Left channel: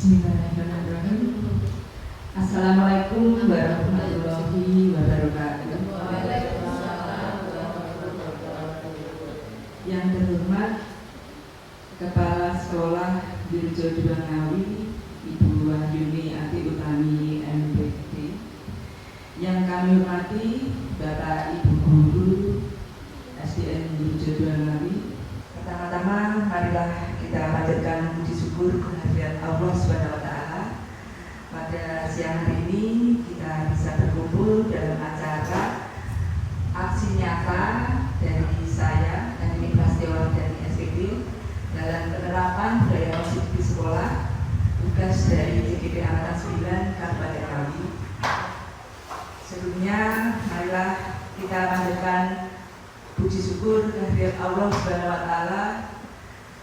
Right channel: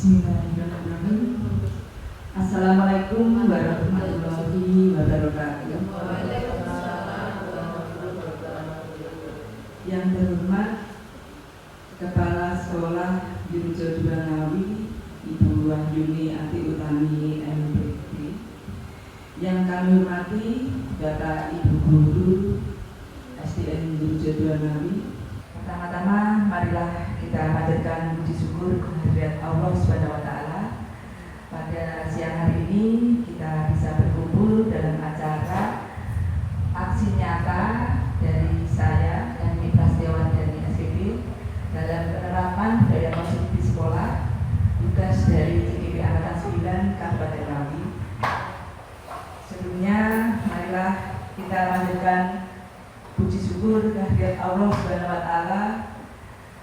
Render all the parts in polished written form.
Bismillahirrahmanirrahim. Assalamualaikum warahmatullahi wabarakatuh. Yang terhormat Kepala Sekolah Dirjo II Ngawi, Ibu Wahyuni Ati Utami MPD. Yang kami hormati Bapak Ibu Guru SDN Dirjo II Ngawi. Pertama-tama marilah kita panjatkan puji syukur kehadirat Allah SWT. Pada siang hari ini kita bisa berkumpul dalam acara aksi nyata dari saya dan Ibu Prasetyo dari SPD dalam penerapan budaya musik di sekolah, tugas dari CGP Angkatan 9 Kabupaten Ngawi. Sebelumnya marilah kita panjatkan puji syukur kehadirat Allah SWT.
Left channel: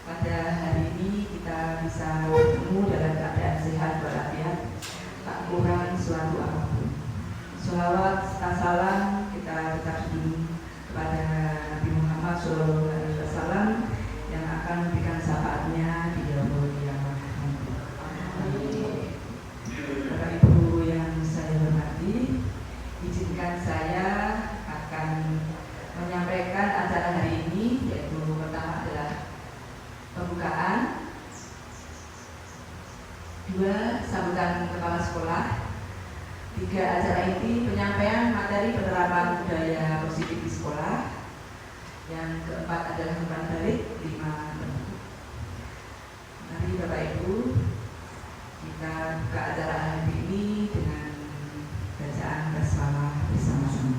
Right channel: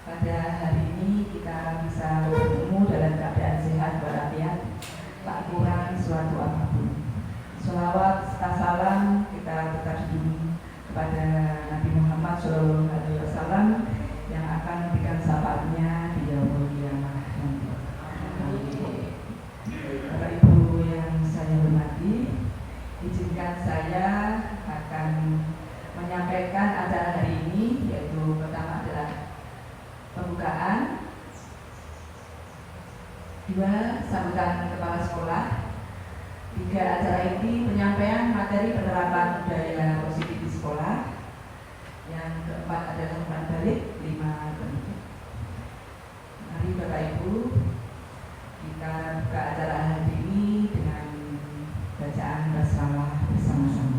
Pada hari ini kita bisa bertemu dalam keadaan sehat walafiat, tak kurang suatu apapun. Sholawat serta salam kita terjun kepada Nabi Muhammad SAW yang akan memberikan syafaatnya di yaumul qiyamah nanti. Bapak Ibu yang saya hormati, izinkan saya akan menyampaikan acara hari ini, yaitu pertama adalah pembukaan, 2 sambutan kepala sekolah, 3 acara inti penyampaian materi penerapan budaya positif di sekolah, yang keempat adalah umpan balik, 5 penutup. Mari Bapak Ibu kita buka acara hari ini dengan bacaan basmalah bersama-sama.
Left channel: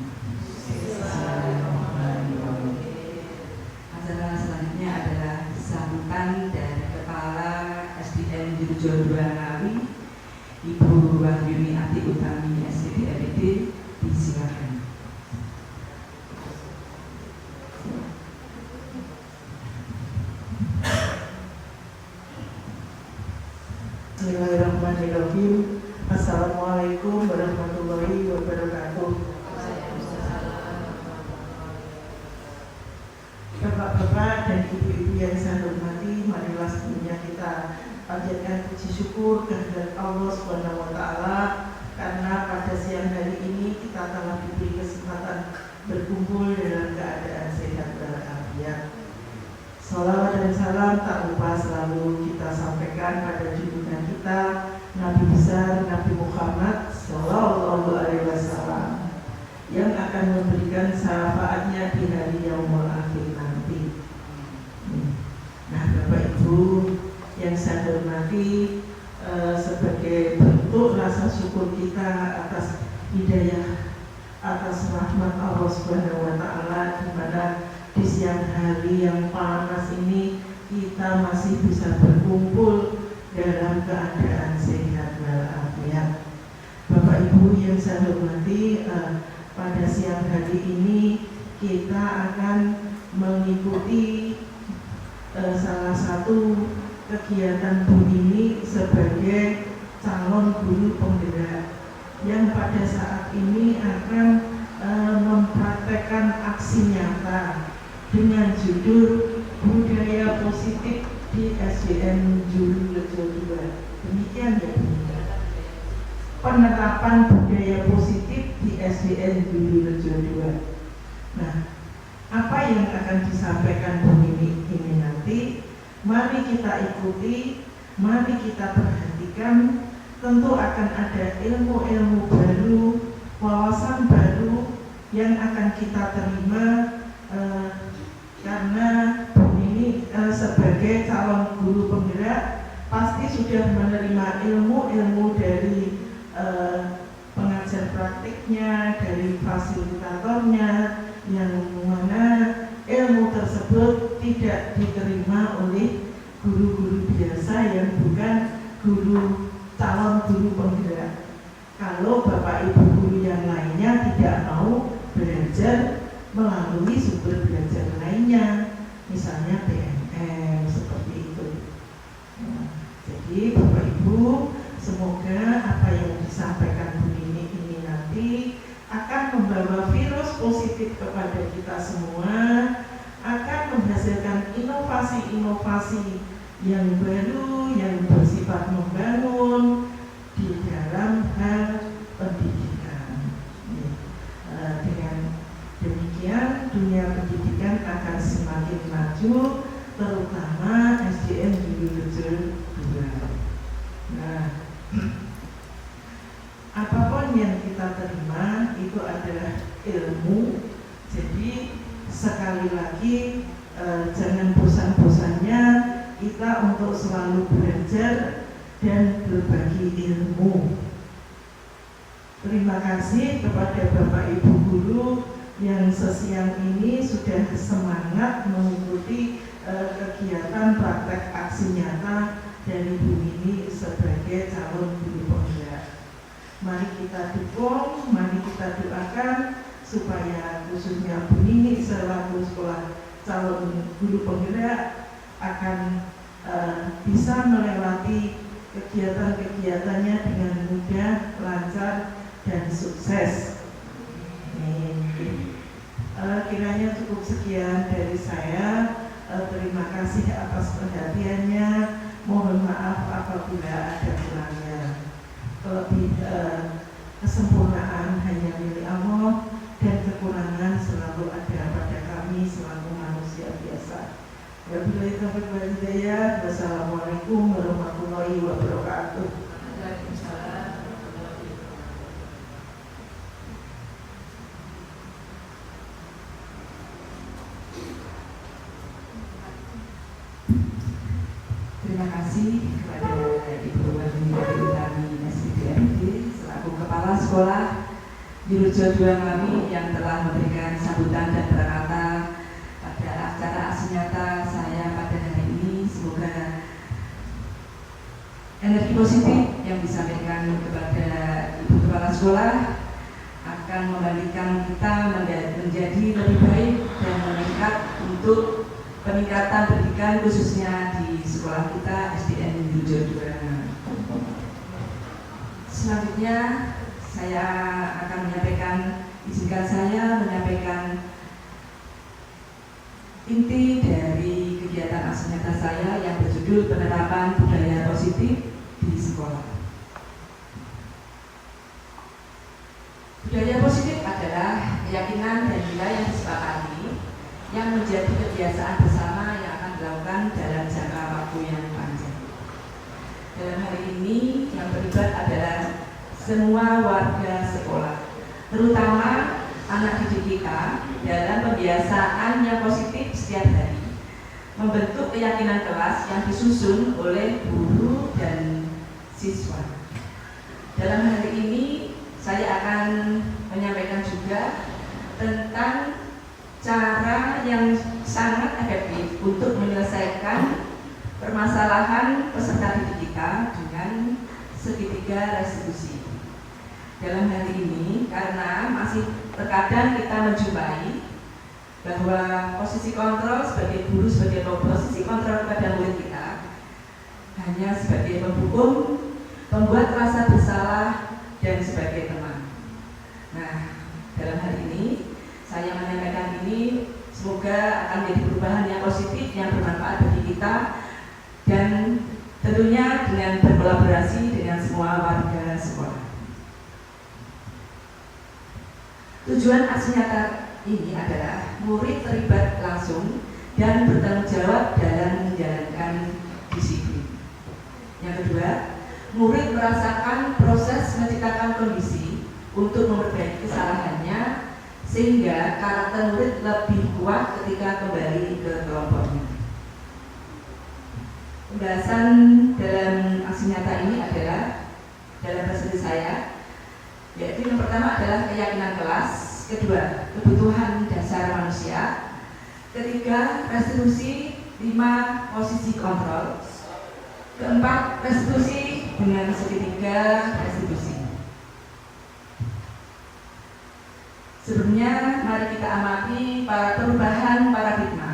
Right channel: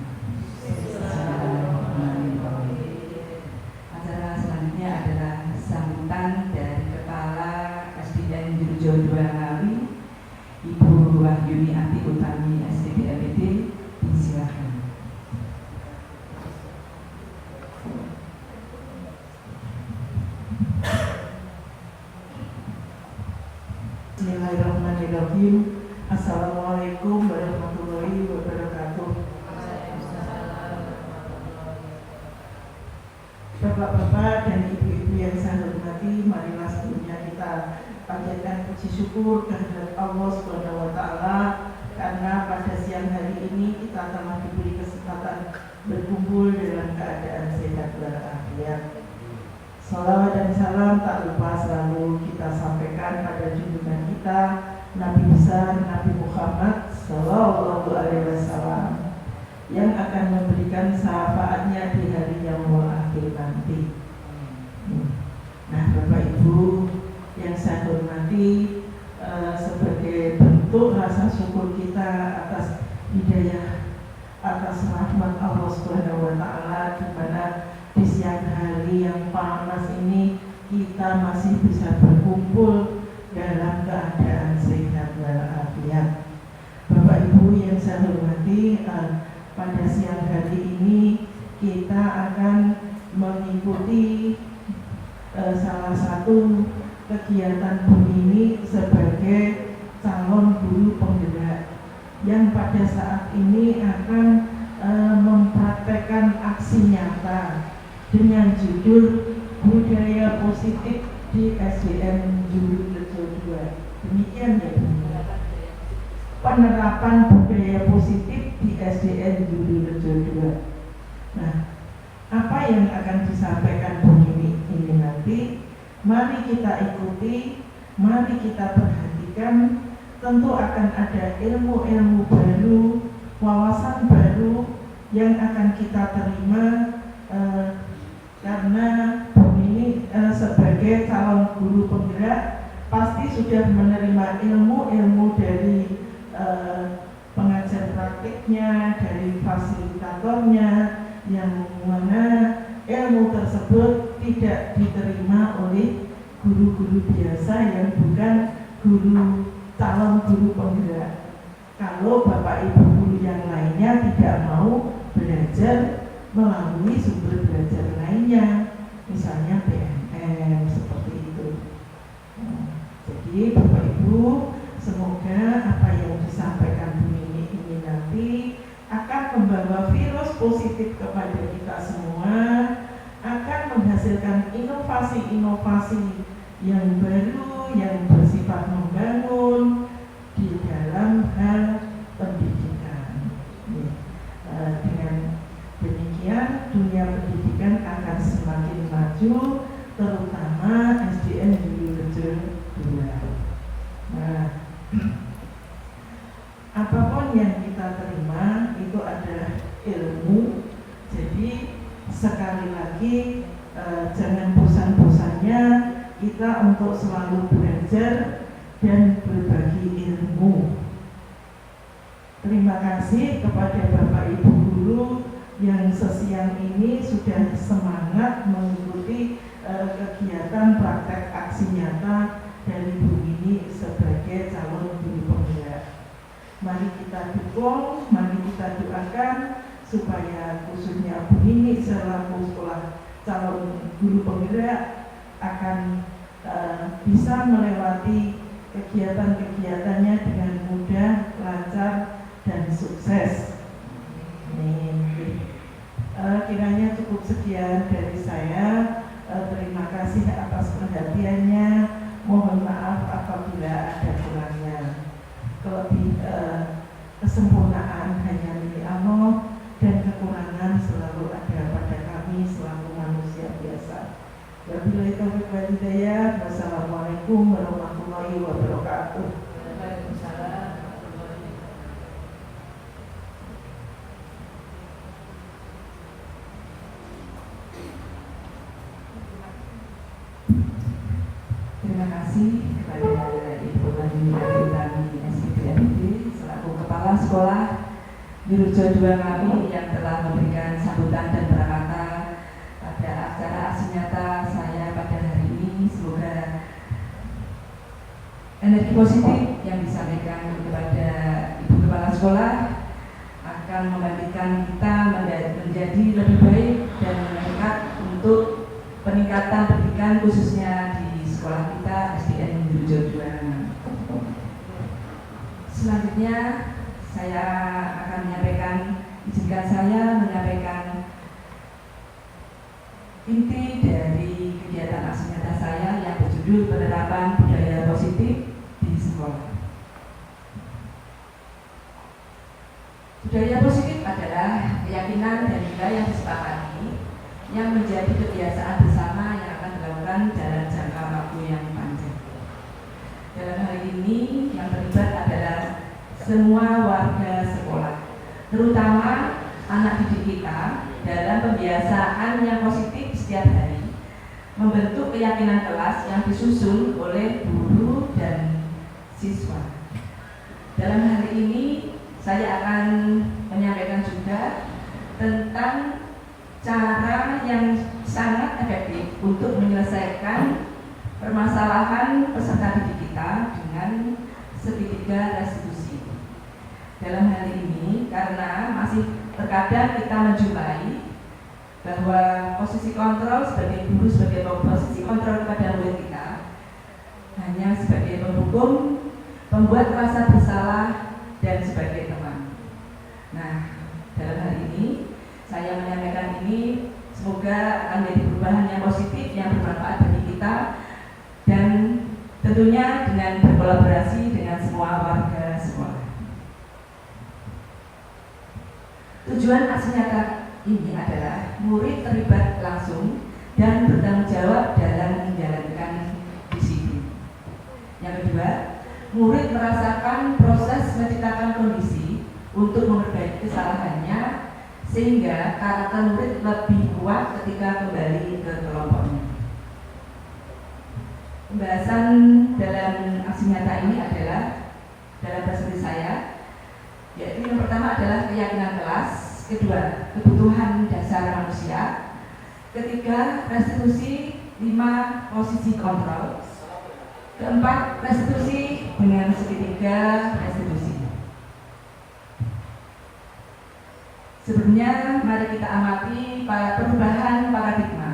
Acara selanjutnya adalah sambutan dari Kepala SDN Dirjo II Ngawi, Ibu Wahyuni Ati Utami SPD. Disilakan. Bismillahirrahmanirrahim. Assalamualaikum warahmatullahi wabarakatuh. Bapak-bapak dan ibu-ibu yang saya hormati, marilah sebelumnya kita panjatkan puji syukur kehadirat Allah SWT karena pada siang hari ini kita telah diberi kesempatan berkumpul dalam keadaan sehat walafiat. Salawat dan salam tak lupa selalu kita sampaikan pada junjungan kita Nabi besar Nabi Muhammad Sallallahu Alaihi Wasallam yang akan memberikan syafaatnya di hari yaumul akhir nanti. Nah, Bapak Ibu yang saya hormati, sebagai bentuk rasa syukur kita atas hidayah, atas rahmat Allah Subhanahu wa Ta'ala, di mana di siang hari yang panas ini kita masih bisa berkumpul dalam keadaan sehat walafiat. Bapak Ibu yang saya hormati, pada siang hari ini kita akan mengikuti salah satu kegiatan Bu ini sebagai calon guru penggerak yang pada saat ini akan mempraktekkan aksi nyata dengan judul Budaya Positif di SDN Dirjo II. Demikian ya Bu. Penerapan budaya positif di SDN Dirjo II. Nah, apa yang akan disampaikan Bu ini nanti, mari kita ikuti, mari kita perhatikan. Tentu akan ada ilmu-ilmu baru, wawasan baru yang akan kita terima karena Bu ini sebagai calon guru penggerak pasti sudah menerima ilmu-ilmu dari pengajar praktiknya, dari fasilitatornya, yang mana ilmu tersebut tidak diterima oleh guru-guru biasa yang bukan calon guru penggerak. Kalau Bapak Ibu guru yang lainnya tidak mau belajar melalui sumber belajar lainnya, misalnya PNM seperti itu. Jadi Bapak Ibu, semoga apa yang disampaikan Bu ini nanti akan membawa virus positif kepada kita semua, akan menghasilkan inovasi-inovasi yang baru, yang bersifat bersifat membangun di dalam hal pendidikan. Dengan demikian dunia pendidikan akan semakin maju, terutama SDN di Wilujeng 2. Nah, apapun yang kita terima itu adalah ilmu. Jadi sekali lagi jangan bosan-bosannya kita untuk selalu belajar dan berbagi ilmu. Terima kasih kepada Bapak Ibu Guru yang sesiang ini sudah semangat mengikuti kegiatan praktek aksi nyata dari Bu Nini sebagai calon guru penggerak. Mari kita dukung, mari kita doakan supaya khususnya Bu Nini selaku sekolah calon guru penggerak akan bisa melewati kegiatan-kegiatannya dengan mudah, lancar, dan sukses. Kiranya cukup sekian dari saya. Terima kasih atas perhatiannya. Mohon maaf apabila ada kurangnya. Kesempurnaan hanya milik Allah dan kekurangan selalu ada pada kami selaku manusia biasa. Wabillahi taufiq wal hidayah. Wassalamualaikum warahmatullahi wabarakatuh. Terima kasih kepada Ibu Madini Utami SPDMD selaku Kepala Sekolah Wilujeng 2 kami yang telah memberikan sambutan dan berkata pada acara aksi nyata saya pada hari ini. Semoga energi positif yang disampaikan kepada Ibu Kepala Sekolah akan membangkitkan kita menjadi lebih baik dan meningkat untuk peningkatan pendidikan khususnya di sekolah kita SDN Wilujeng 2. Selanjutnya saya akan izinkan saya menyampaikan inti dari kegiatan aksi nyata saya yang berjudul penerapan budaya positif di sekolah. Budaya positif adalah keyakinan dan nilai yang disepakati yang menjadi kebiasaan bersama yang akan dilakukan dalam jangka waktu yang panjang. Dalam hal ini yang terlibat adalah semua warga sekolah, terutama anak didik kita dalam pembiasaan yang positif setiap hari, membentuk keyakinan kelas yang disusun oleh guru dan siswa. Dalam hal ini saya akan menyampaikan juga tentang cara yang sangat efektif untuk menyelesaikan permasalahan peserta didik kita dengan segitiga restitusi. Dalam hal ini, karena masih terkadang kita menjumpai bahwa posisi kontrol sebagai guru, sebagai posisi kontrol kepada murid kita hanya sebagai penghukum, pembuat rasa bersalah, dan sebagai teman. Nah, dalam hal ini saya menyampaikan ini semoga akan menjadi perubahan yang positif yang bermanfaat bagi kita dan tentunya dengan berkolaborasi dengan semua warga sekolah. Tujuan aksi nyata ini adalah murid terlibat langsung dan bertanggung jawab dalam menjalankan disiplin. Yang kedua, murid merasakan proses menciptakan kondisi untuk memperbaiki kesalahannya sehingga karakter murid lebih kuat ketika kembali ke kelompoknya. Pembahasan dalam aksi nyata ini adalah dalam perspektif saya, yaitu yang pertama adalah keyakinan kelas, kedua kebutuhan dasar manusia, ketiga restitusi, 5 posisi kontrol, keempat restitusi dengan segitiga restitusi. Sebelumnya mari kita amati perubahan paradigma.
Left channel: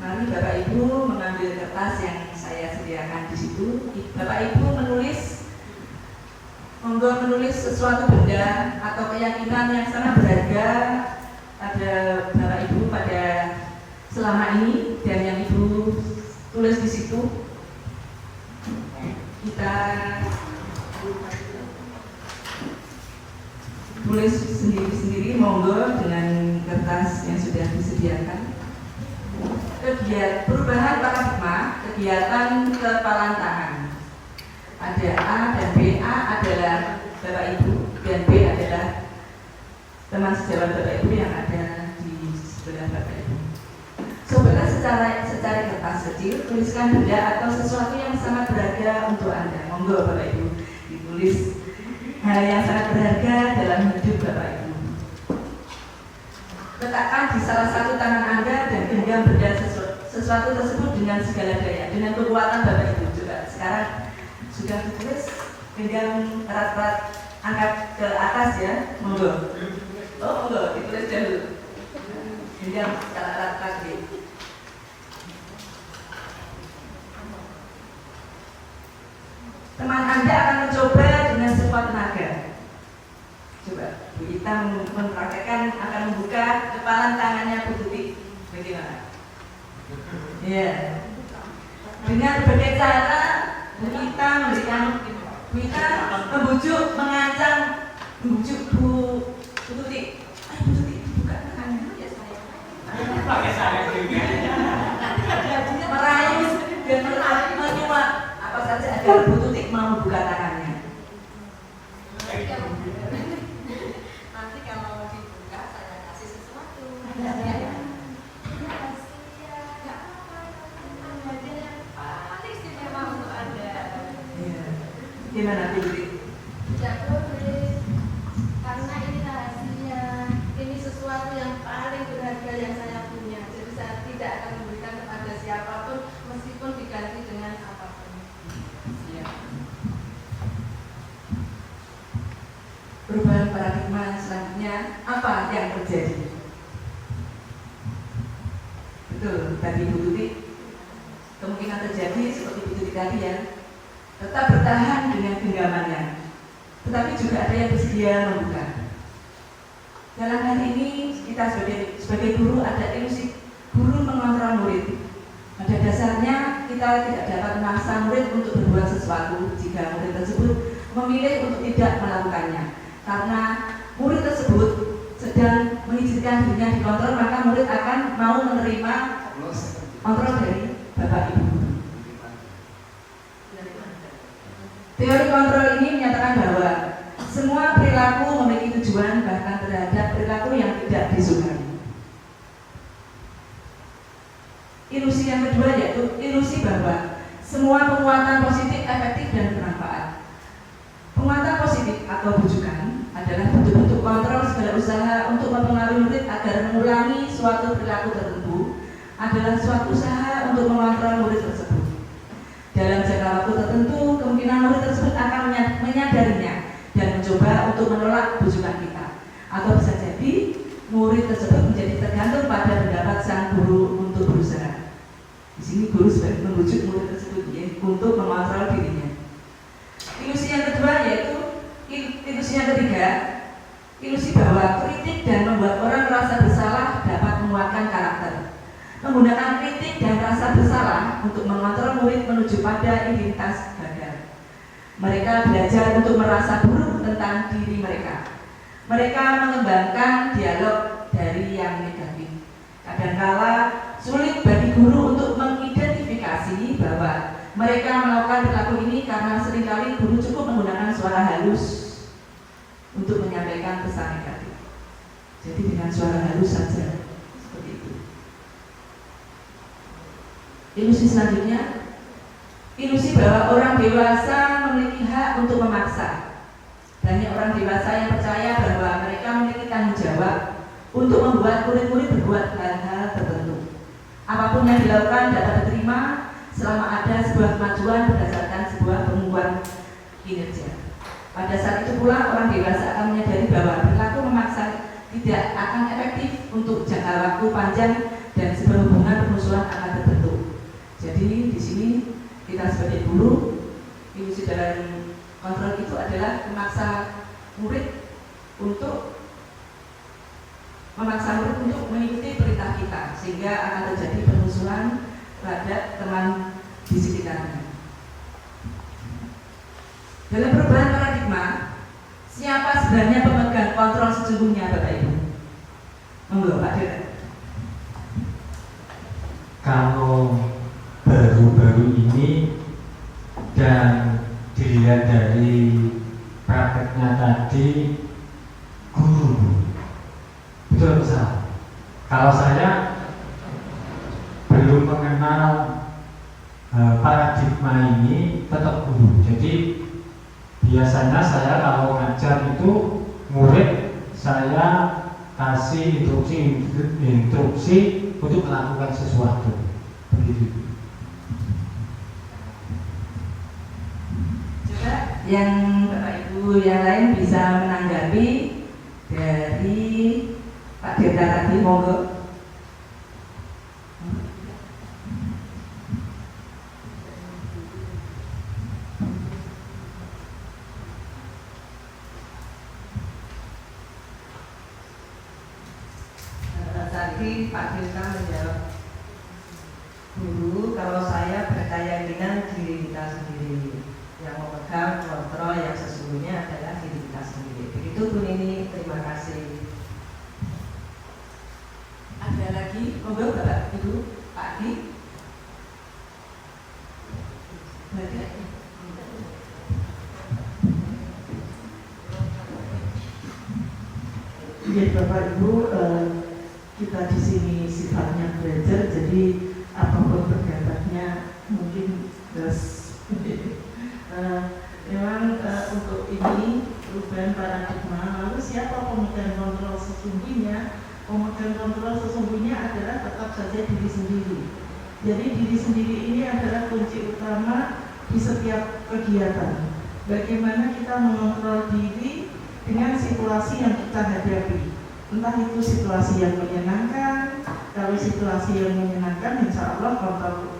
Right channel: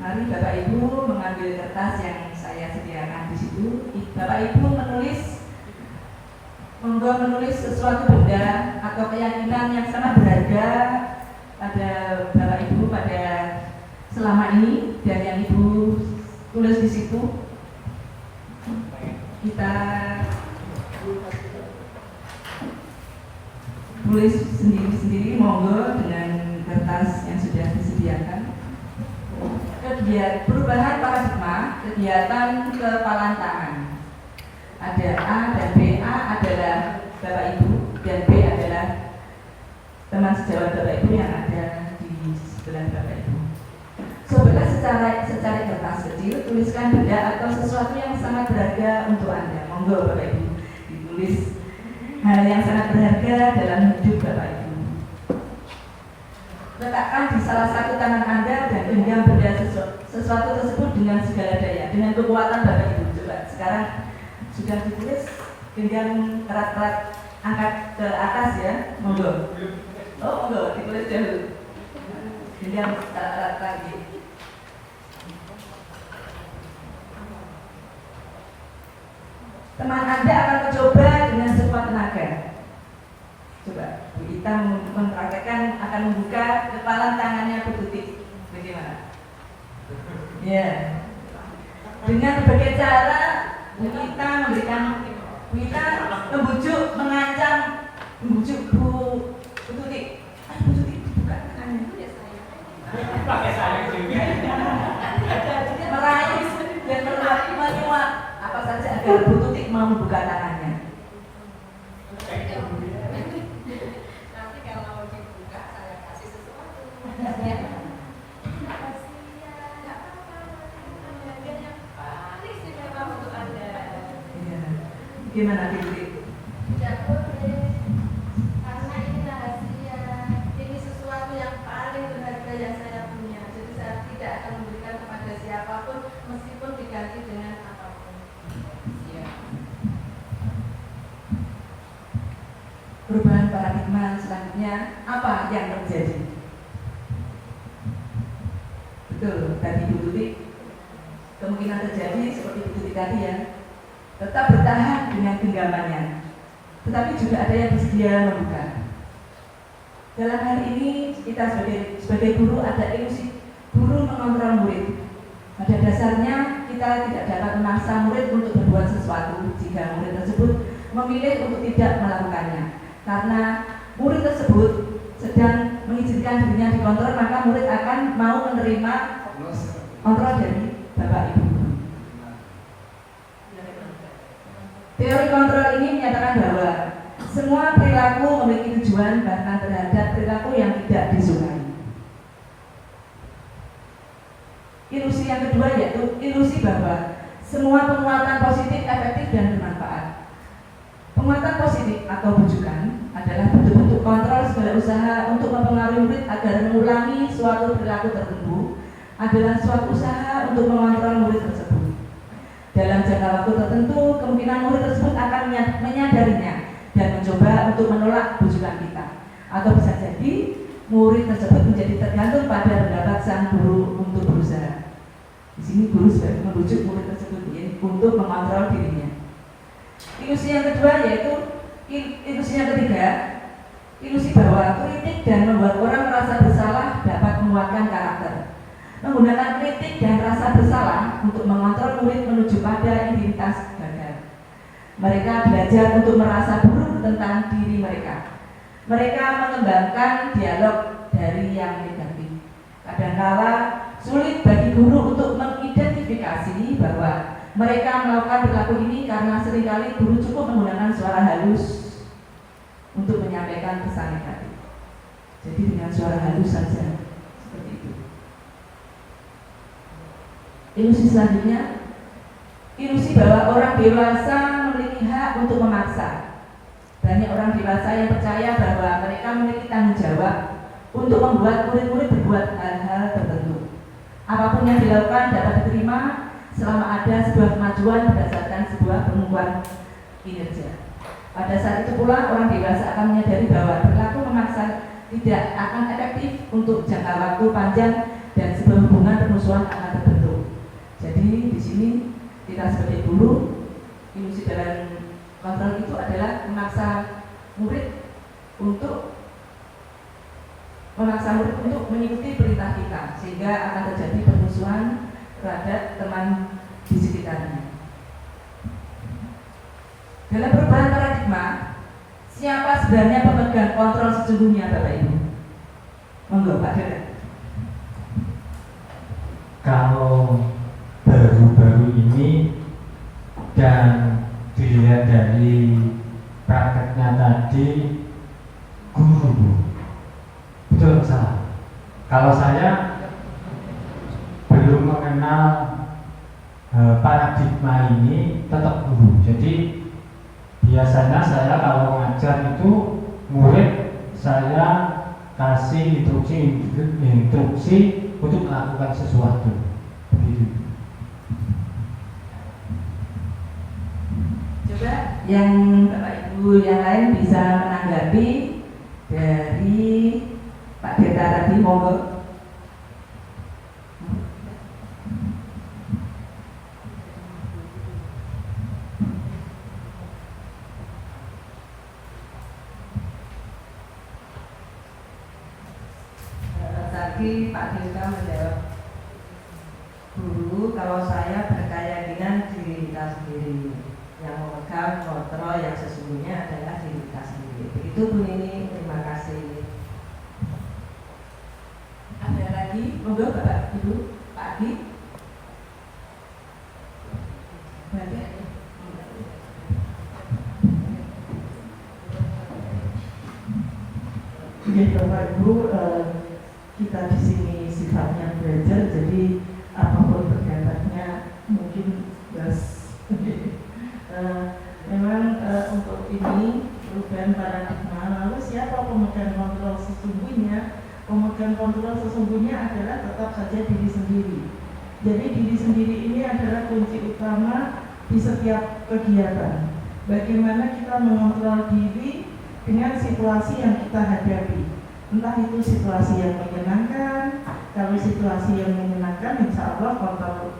Mari Bapak Ibu mengambil kertas yang saya sediakan di situ. Bapak Ibu menulis sesuatu benda atau keyakinan yang sangat berharga pada Bapak Ibu pada selama ini dan yang Ibu tulis di situ. kita tulis sendiri-sendiri, monggo dengan kertas yang sudah disediakan. Perubahan paradigma kegiatan kepalan tangan. Ada A dan B. A adalah Bapak Ibu dan B adalah teman sejawat Bapak Ibu yang ada di sebelah Bapak Ibu. Cobalah secara kertas kecil tuliskan benda atau sesuatu yang sangat berharga untuk Anda. Monggo Bapak Ibu ditulis hal yang sangat berharga dalam hidup Bapak Ibu. Letakkan di salah satu tangan Anda dan genggam benda sesuatu tersebut dengan segala daya, dengan kekuatan Bapak Ibu. Coba sekarang sudah ditulis, genggam erat-erat, angkat ke atas ya, monggo. Oh monggo, ditulis dulu. Genggam erat-erat lagi. Teman Anda akan mencoba dengan sekuat tenaga. Coba kita mempraktekkan, akan membuka kepalan tangannya Bu Tuti. Bagaimana? Ya. Dengan berbagai cara kita memberikan, kita membujuk, mengancam, membujuk Bu Tuti. Bu Tuti buka tangannya. Meraih dan menyuap apa saja agar Bu Tuti mau membuka tangannya. Nanti kalau mau dibuka saya kasih sesuatu. Gimana Bu? Tidak boleh, karena ini rahasia, ini sesuatu yang paling berharga yang saya punya. Jadi saya tidak akan memberikan kepada siapapun, meskipun diganti dengan apapun. Perubahan paradigma selanjutnya apa yang terjadi? Betul, tadi Bu Tuti kemungkinan terjadi seperti Bu Tuti tadi ya. Tetap bertahan dengan genggamannya, tetapi juga ada yang bersedia membuka. Dalam hal ini kita sebagai guru ada ilusi guru mengontrol murid. Pada dasarnya kita tidak dapat memaksa murid untuk berbuat sesuatu jika murid tersebut memilih untuk tidak melakukannya. Karena murid tersebut sedang mengizinkan dirinya dikontrol, maka murid akan mau menerima kontrol dari Bapak Ibu. Teori kontrol ini menyatakan bahwa semua perilaku memiliki tujuan, bahkan terhadap perilaku yang tidak disukai. Ilusi yang kedua yaitu ilusi bahwa semua penguatan positif, efektif, dan bermanfaat. Penguatan positif atau bujukan adalah bentuk-bentuk kontrol segala usaha untuk mempengaruhi murid agar mengurangi suatu perilaku tertentu adalah suatu usaha untuk mengontrol murid tersebut. Dalam jangka waktu tertentu, kemungkinan murid tersebut akan menyadarinya dan mencoba untuk menolak bujukan kita. Atau bisa jadi murid tersebut menjadi tergantung pada pendapat sang guru untuk berusaha. Di sini guru sebagai membujuk murid tersebut untuk mengontrol dirinya. Ilusi yang kedua yaitu ilusi yang ketiga, ilusi bahwa kritik dan membuat orang merasa bersalah dapat menguatkan karakter. Menggunakan kritik dan rasa bersalah untuk mengontrol murid menuju pada identitas gagal. Mereka belajar untuk merasa buruk tentang diri mereka. Mereka mengembangkan dialog dari yang negatif. Kadangkala sulit bagi guru untuk mengidentifikasi bahwa mereka melakukan perilaku ini karena seringkali guru cukup menggunakan suara halus untuk menyampaikan pesan negatif. Jadi dengan suara halus saja. Ilusi selanjutnya, ilusi bahwa orang dewasa memiliki hak untuk memaksa. Banyak orang dewasa yang percaya bahwa mereka memiliki tanggung jawab untuk membuat murid-murid berbuat hal-hal tertentu. Apapun yang dilakukan dapat diterima selama ada sebuah kemajuan berdasarkan sebuah pengukuhan kinerja. Pada saat itu pula orang dewasa akan menyadari bahwa perilaku memaksa tidak akan efektif untuk jangka waktu panjang dan sebuah hubungan permusuhan akan terbentuk. Jadi di sini kita sebagai guru, ilusi dalam kontrol itu adalah memaksa murid untuk mengikuti perintah kita, sehingga akan terjadi permusuhan terhadap teman di sekitarnya. Dalam perubahan paradigma, siapa sebenarnya pemegang kontrol sesungguhnya, Bapak Ibu? Monggo, Pak Dirjen. Kalau baru-baru ini dan dilihat dari prakteknya tadi, guru, betul salah. Kalau saya belum mengenal paradigma ini, tetap guru. Jadi biasanya saya kalau ngajar itu murid saya kasih instruksi untuk melakukan sesuatu. Begitu. Coba yang Bapak Ibu yang lain bisa menanggapi dari Pak Dirta tadi, monggo. Tadi Pak Dirta menjawab, guru kalau saya berkaya dengan diri kita sendiri, yang memegang kontrol yang sesungguhnya adalah diri kita sendiri. Begitu Bu Nini, terima kasih. Ada lagi, monggo Bapak Ibu, Pak Adi. Jadi Bapak Ibu, kita di sini sifatnya belajar, jadi apapun pendapatnya mungkin memang untuk ini perubahan paradigma. Lalu siapa pemegang kontrol sesungguhnya? Pemegang kontrol sesungguhnya adalah tetap saja diri sendiri. Jadi diri sendiri ini adalah kunci utama di setiap kegiatan. Bagaimana kita mengontrol diri dengan situasi yang kita hadapi. Entah itu situasi yang menyenangkan. Kalau situasi yang menyenangkan, insya Allah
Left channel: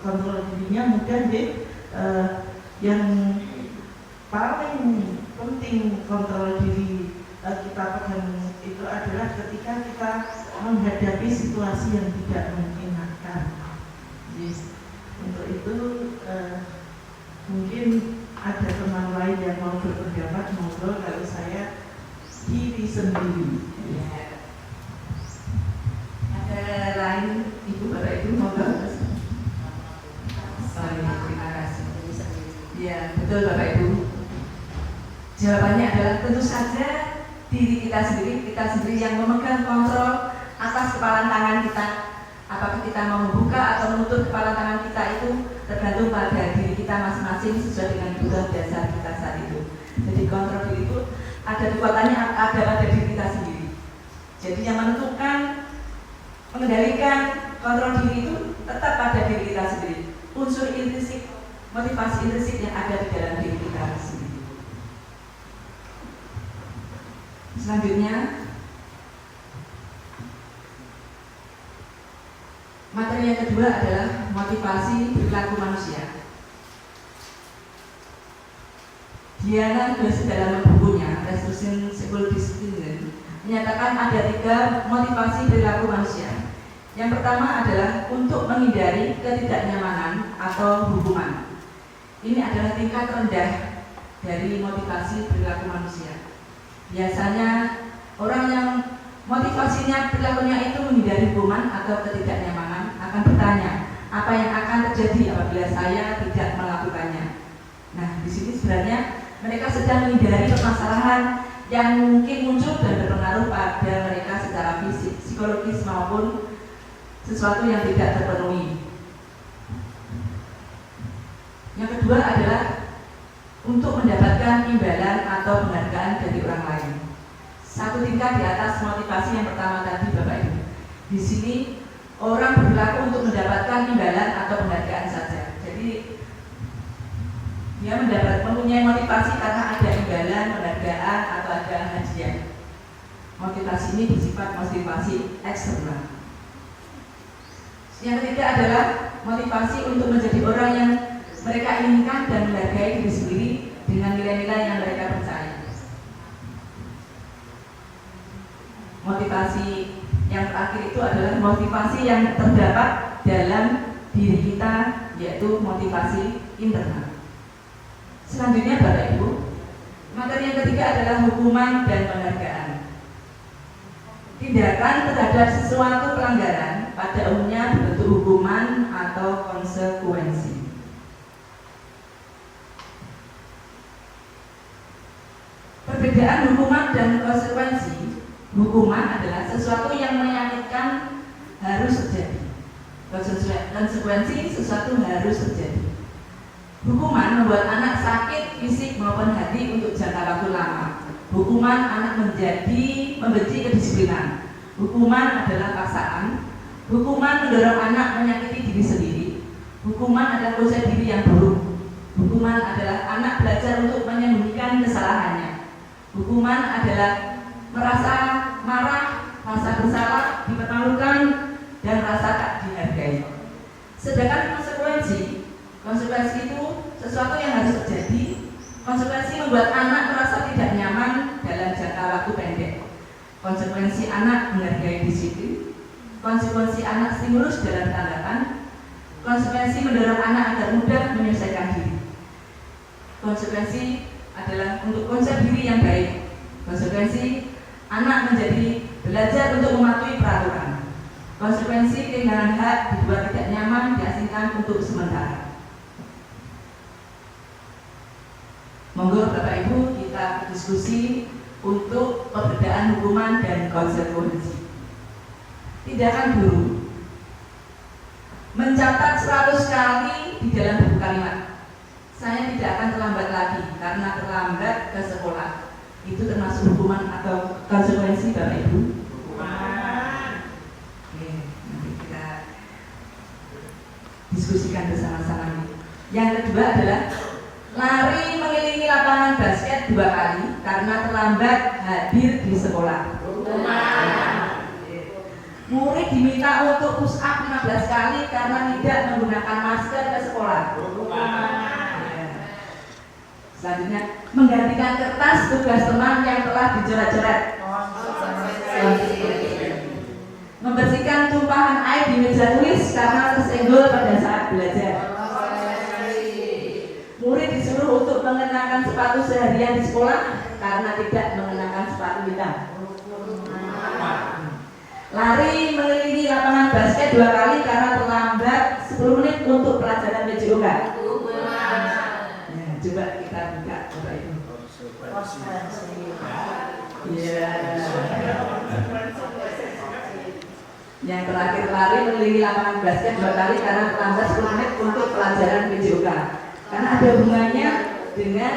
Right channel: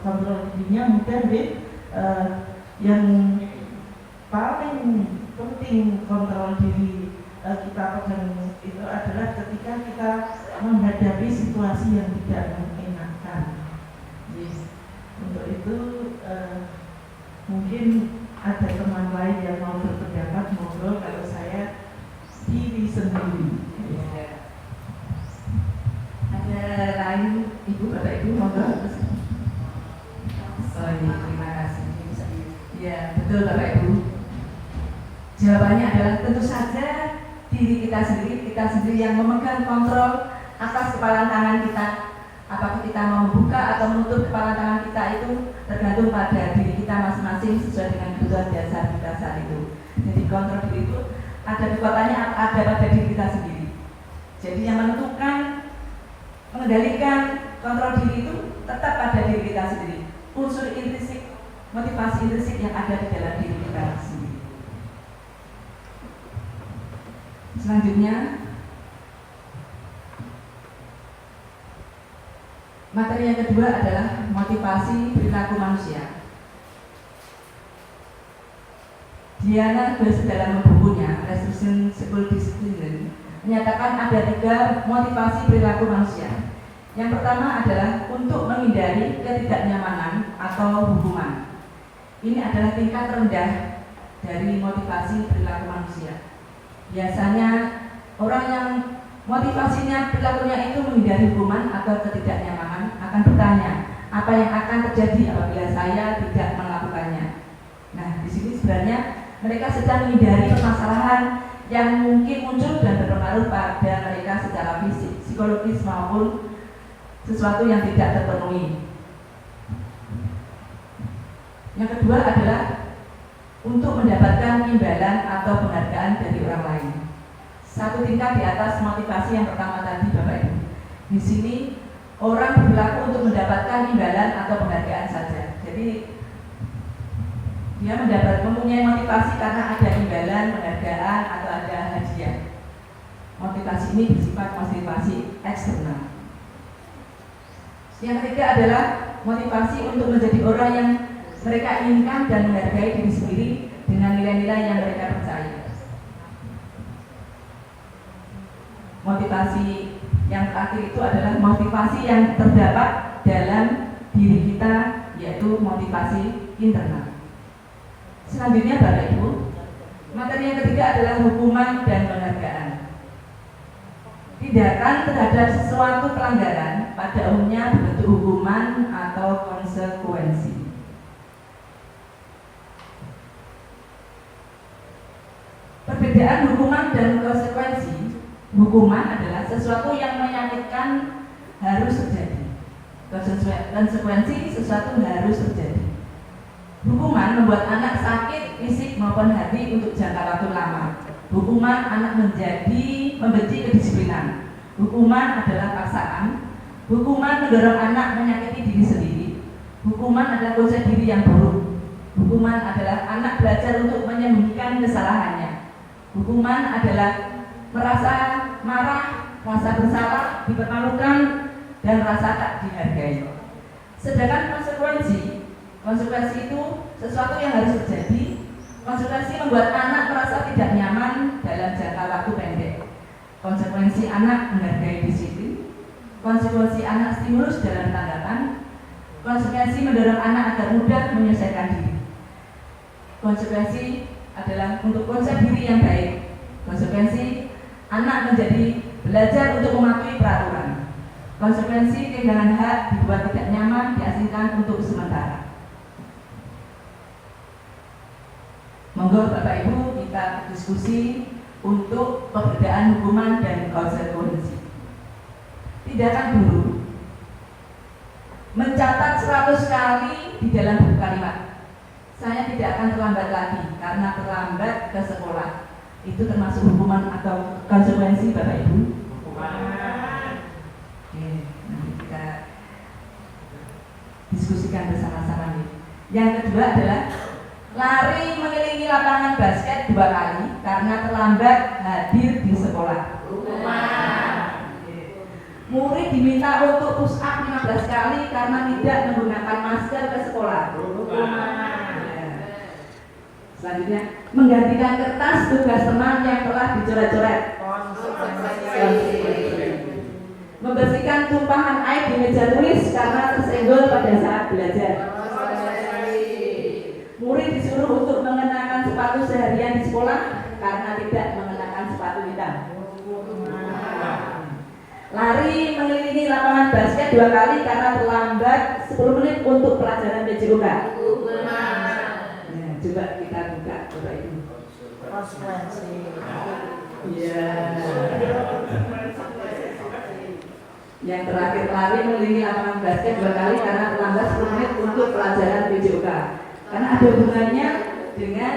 kontrol dirinya mudah deh. Yang paling penting kontrol diri kita pegang itu adalah ketika kita menghadapi situasi yang tidak menyenangkan. Yes. Untuk itu mungkin ada teman lain yang mau berpendapat, monggo. Kalau saya diri sendiri. Ada lain, Ibu, Bapak Ibu, monggo. Terima kasih. Ya, betul Bapak Ibu. Jawabannya adalah tentu saja diri kita sendiri yang memegang kontrol atas kepalan tangan kita. Apakah kita mau buka atau menutup kepalan tangan kita itu tergantung pada diri kita masing-masing sesuai dengan kebutuhan dasar kita saat itu. Jadi kontrol diri itu ada kekuatannya ada pada diri kita sendiri. Jadi yang menentukan, mengendalikan kontrol diri itu tetap pada diri kita sendiri. Unsur intrinsik, motivasi intrinsik yang ada di dalam diri kita sendiri. Selanjutnya, materi yang kedua adalah motivasi perilaku manusia. Diana Goes dalam bukunya Restriction Psychology menyatakan ada 3 motivasi perilaku manusia. Yang pertama adalah untuk menghindari ketidaknyamanan atau hukuman. Ini adalah tingkat rendah dari motivasi perilaku manusia. Biasanya orang yang motivasinya perilakunya itu menghindari hukuman atau ketidaknyamanan akan bertanya, apa yang akan terjadi apabila saya tidak melakukannya? Nah, di sini sebenarnya mereka sedang menghindari permasalahan yang mungkin muncul dan berpengaruh pada mereka secara fisik, psikologis maupun sesuatu yang tidak terpenuhi. Yang kedua adalah untuk mendapatkan imbalan atau penghargaan dari orang lain. Satu tingkat di atas motivasi yang pertama tadi, Bapak Ibu. Di sini orang berperilaku untuk mendapatkan imbalan atau penghargaan saja. Jadi dia mempunyai motivasi karena ada imbalan, penghargaan atau ada hadiah. Motivasi ini bersifat motivasi eksternal. Yang ketiga adalah motivasi untuk menjadi orang yang mereka inginkan dan menghargai diri sendiri dengan nilai-nilai yang mereka percaya. Motivasi yang terakhir itu adalah motivasi yang terdapat dalam diri kita, yaitu motivasi internal. Selanjutnya Bapak Ibu, Materi yang ketiga adalah hukuman dan penghargaan. Tindakan terhadap sesuatu pelanggaran pada umumnya berbentuk hukuman atau konsekuensi. Perbedaan hukuman dan konsekuensi. Hukuman adalah sesuatu yang menyakitkan harus terjadi. Konsekuensi sesuatu harus terjadi. Hukuman membuat anak sakit fisik maupun hati untuk jangka waktu lama. Hukuman anak membenci kedisiplinan. Hukuman adalah paksaan. Hukuman mendorong anak menyakiti diri sendiri. Hukuman adalah konsep diri yang buruk. Hukuman adalah anak belajar untuk menyembunyikan kesalahannya. Hukuman adalah merasa marah, rasa bersalah, dipermalukan, dan rasa tak dihargai. Sedangkan konsekuensi itu sesuatu yang harus terjadi. Konsekuensi membuat anak merasa tidak nyaman dalam jangka waktu pendek. Konsekuensi anak menghargai disiplin. Konsekuensi anak stimulus dalam tanggapan. Konsekuensi mendorong anak agar mudah menyelesaikan diri. Konsekuensi adalah untuk konsep diri yang baik. Konsekuensi anak menjadi belajar untuk mematuhi peraturan. Konsekuensi kehilangan hak, dibuat tidak nyaman, diasingkan untuk sementara. Monggo Bapak Ibu kita diskusi untuk perbedaan hukuman dan konsekuensi. Tindakan guru mencatat 100 kali di dalam buku kalimat. Saya tidak akan terlambat lagi karena terlambat ke sekolah. Itu termasuk hukuman atau konsekuensi Bapak Ibu? Hukuman. Oke, nanti kita diskusikan bersama-sama. Yang kedua adalah lari mengelilingi lapangan basket 2 kali karena terlambat hadir di sekolah. Murid diminta untuk push up 15 kali karena tidak menggunakan masker ke sekolah. Selanjutnya, menggantikan kertas tugas teman yang telah dicoret-coret. Membersihkan tumpahan air di meja tulis karena tersenggol pada saat belajar. Murid disuruh untuk mengenakan sepatu seharian di sekolah karena tidak mengenakan sepatu hitam. Lari mengelilingi lapangan basket 2 kali karena terlambat 10 menit untuk pelajaran PJOK. Ya, coba kita buka Bapak Ibu. Ya. Yang terakhir, lari mengelilingi lapangan basket 2 kali karena terlambat 10 menit untuk pelajaran PJOK. Karena ada hubungannya dengan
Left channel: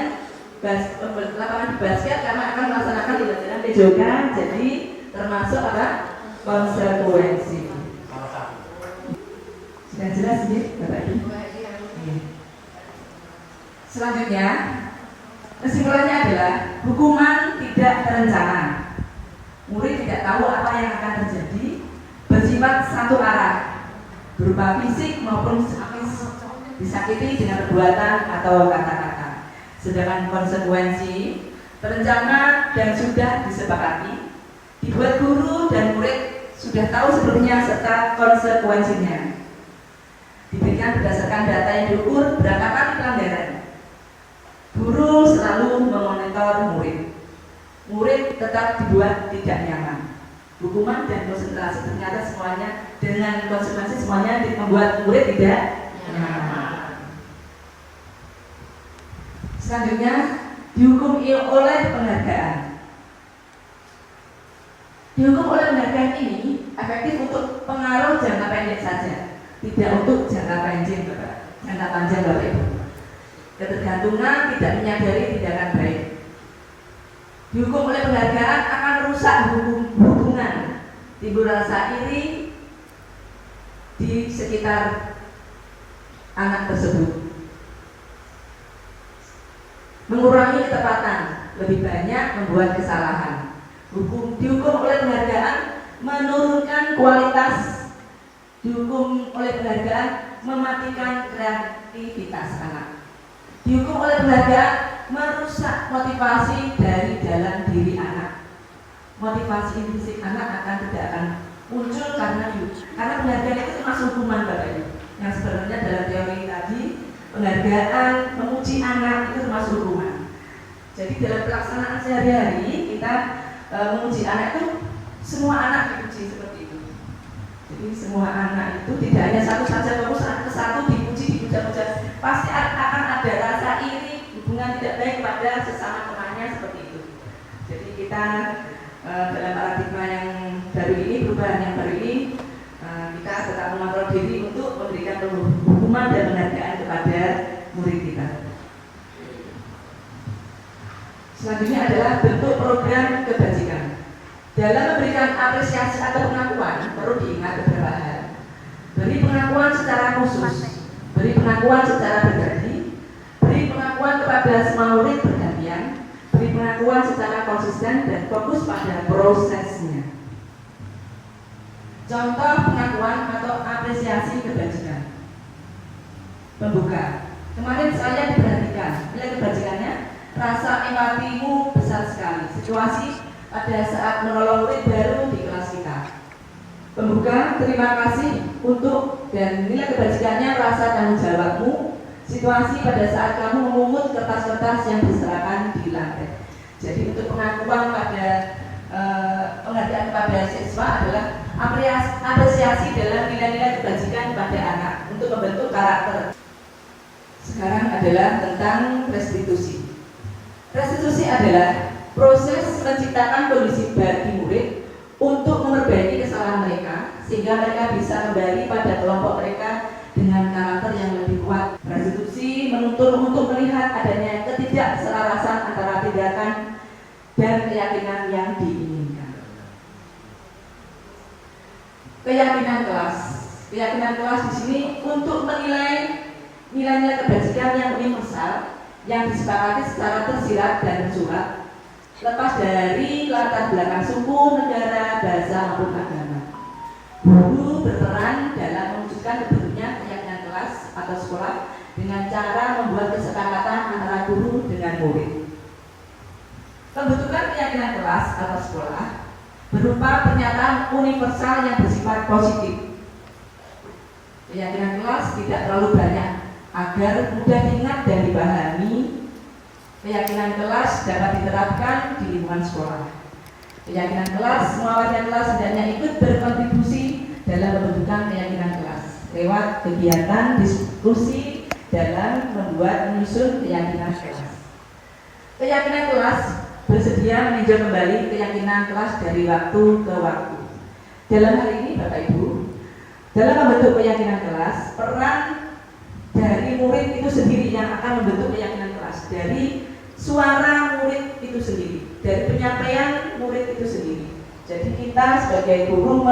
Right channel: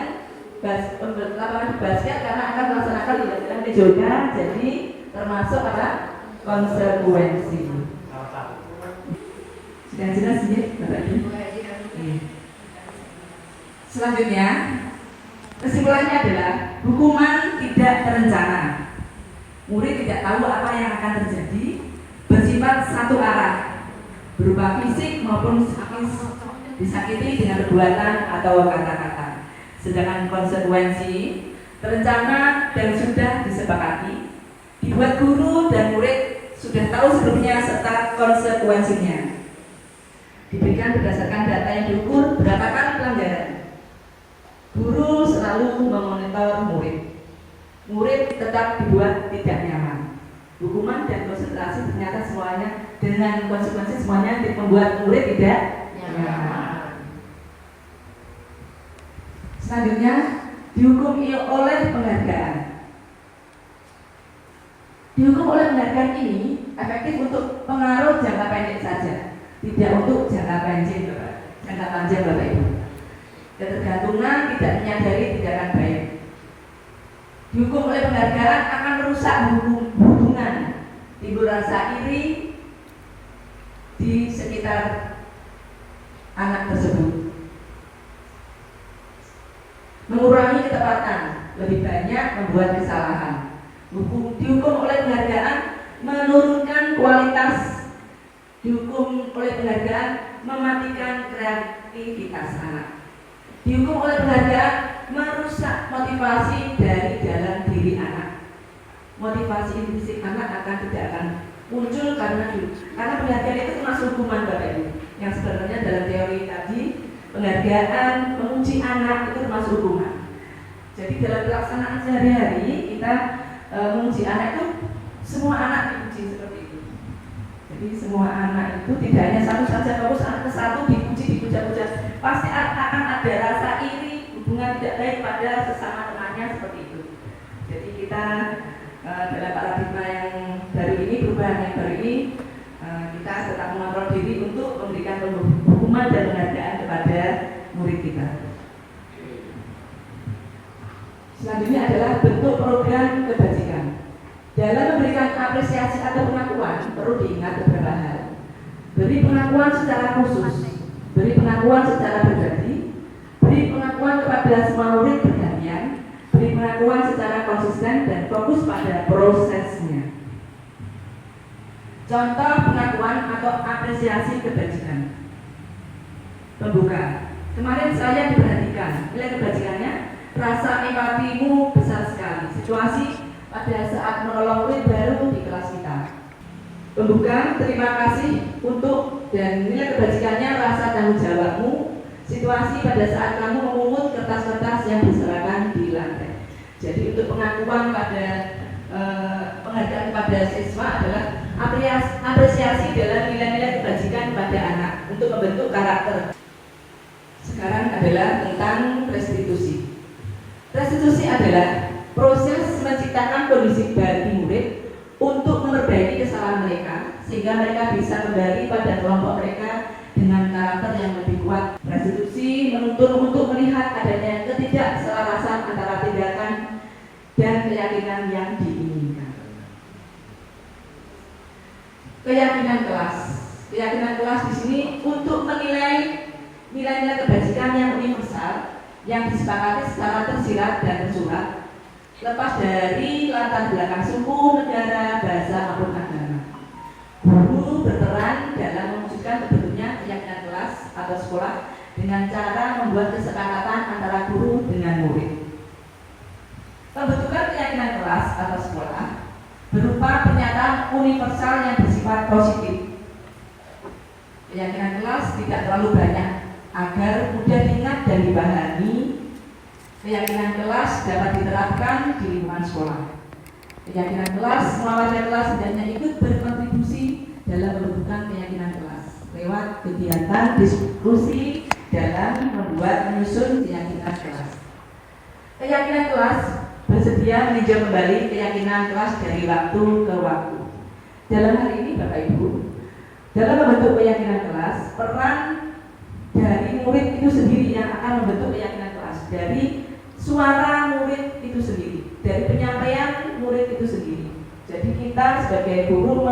lapangan basket karena akan melaksanakan pelajaran PJOK, jadi termasuk apa? Konsekuensi. Sudah jelas ya Bapak Ibu? Selanjutnya, kesimpulannya adalah hukuman tidak terencana. Murid tidak tahu apa yang akan terjadi, bersifat satu arah, berupa fisik maupun psikis, disakiti dengan perbuatan atau kata-kata. Sedangkan konsekuensi terencana dan sudah disepakati, dibuat guru dan murid sudah tahu sebelumnya serta konsekuensinya. Diberikan berdasarkan data yang diukur berapa kali pelanggaran. Guru selalu memonitor murid. Murid tetap dibuat tidak nyaman. Hukuman dan konsentrasi ternyata semuanya dengan konsekuensi semuanya membuat murid tidak nyaman. Selanjutnya dihukum oleh penghargaan. Dihukum oleh penghargaan ini efektif untuk pengaruh jangka pendek saja, tidak untuk jangka panjang Bapak Ibu. Ketergantungan tidak menyadari tindakan baik. Dihukum oleh penghargaan akan merusak hubungan, timbul rasa iri di sekitar anak tersebut, mengurangi ketepatan, lebih banyak membuat kesalahan. Dihukum oleh penghargaan menurunkan kualitas. Dihukum oleh penghargaan mematikan kreativitas anak. Dihukum oleh penghargaan merusak motivasi dari dalam diri anak. Motivasi intrinsik anak tidak akan muncul karena penghargaan itu termasuk hukuman Bapak Ibu. Yang sebenarnya dalam teori tadi penghargaan memuji anak itu termasuk hukuman. Jadi dalam pelaksanaan sehari-hari kita menguji anak itu semua anak diuji seperti itu. Jadi semua anak itu tidak hanya satu saja, kalau satu persatu dipuji, dipuja-puja, pasti akan ada rasa iri, hubungan tidak baik pada sesama temannya seperti itu. Jadi kita dalam paradigma yang baru ini, perubahan yang baru ini, kita tetap mengontrol diri untuk memberikan hukuman dan penghargaan kepada murid kita. Selanjutnya adalah bentuk program kebajikan. Dalam memberikan apresiasi atau pengakuan perlu diingat beberapa hal. Beri pengakuan secara khusus, beri pengakuan secara pribadi, beri pengakuan kepada semua murid bergantian, beri pengakuan secara konsisten dan fokus pada prosesnya. Contoh pengakuan atau apresiasi kebajikan. Pembuka. Kemarin saya diperhatikan. Nilai kebajikannya, rasa empatimu besar sekali. Situasi pada saat menolong murid baru di kelas kita. Pembuka, terima kasih untuk dan nilai kebajikannya rasa tanggung jawabmu. Situasi pada saat kamu memungut kertas-kertas yang berserakan di lantai. Jadi untuk pengakuan pada penghargaan kepada siswa adalah apresiasi dalam nilai-nilai kebajikan pada anak untuk membentuk karakter. Sekarang adalah tentang restitusi. Restitusi adalah proses menciptakan kondisi bagi murid untuk memperbaiki kesalahan mereka sehingga mereka bisa kembali pada kelompok mereka dengan karakter yang lebih kuat. Restitusi menuntut untuk melihat adanya ketidakselarasan antara tindakan dan keyakinan yang diinginkan. Keyakinan kelas. Keyakinan kelas di sini untuk menilai nilai-nilai kebajikan yang universal yang disepakati secara tersirat dan tersurat, lepas dari latar belakang suku, negara, bahasa maupun agama. Guru berperan dalam mewujudkan terbentuknya keyakinan kelas atau sekolah dengan cara membuat kesepakatan antara guru dengan murid. Pembentukan keyakinan kelas atau sekolah berupa pernyataan universal yang bersifat positif. Keyakinan kelas tidak terlalu banyak agar mudah diingat dan dipahami. Keyakinan kelas dapat diterapkan di lingkungan sekolah. Keyakinan kelas, semua warga kelas hendaknya ikut berkontribusi dalam pembentukan keyakinan kelas lewat kegiatan diskusi dalam membuat menyusun keyakinan kelas. Keyakinan kelas bersedia meninjau kembali keyakinan kelas dari waktu ke waktu. Dalam hal ini Bapak Ibu, dalam membentuk keyakinan kelas, peran dari murid itu sendiri yang akan membentuk keyakinan kelas, dari suara murid itu sendiri, dari penyampaian murid itu sendiri. Jadi kita sebagai guru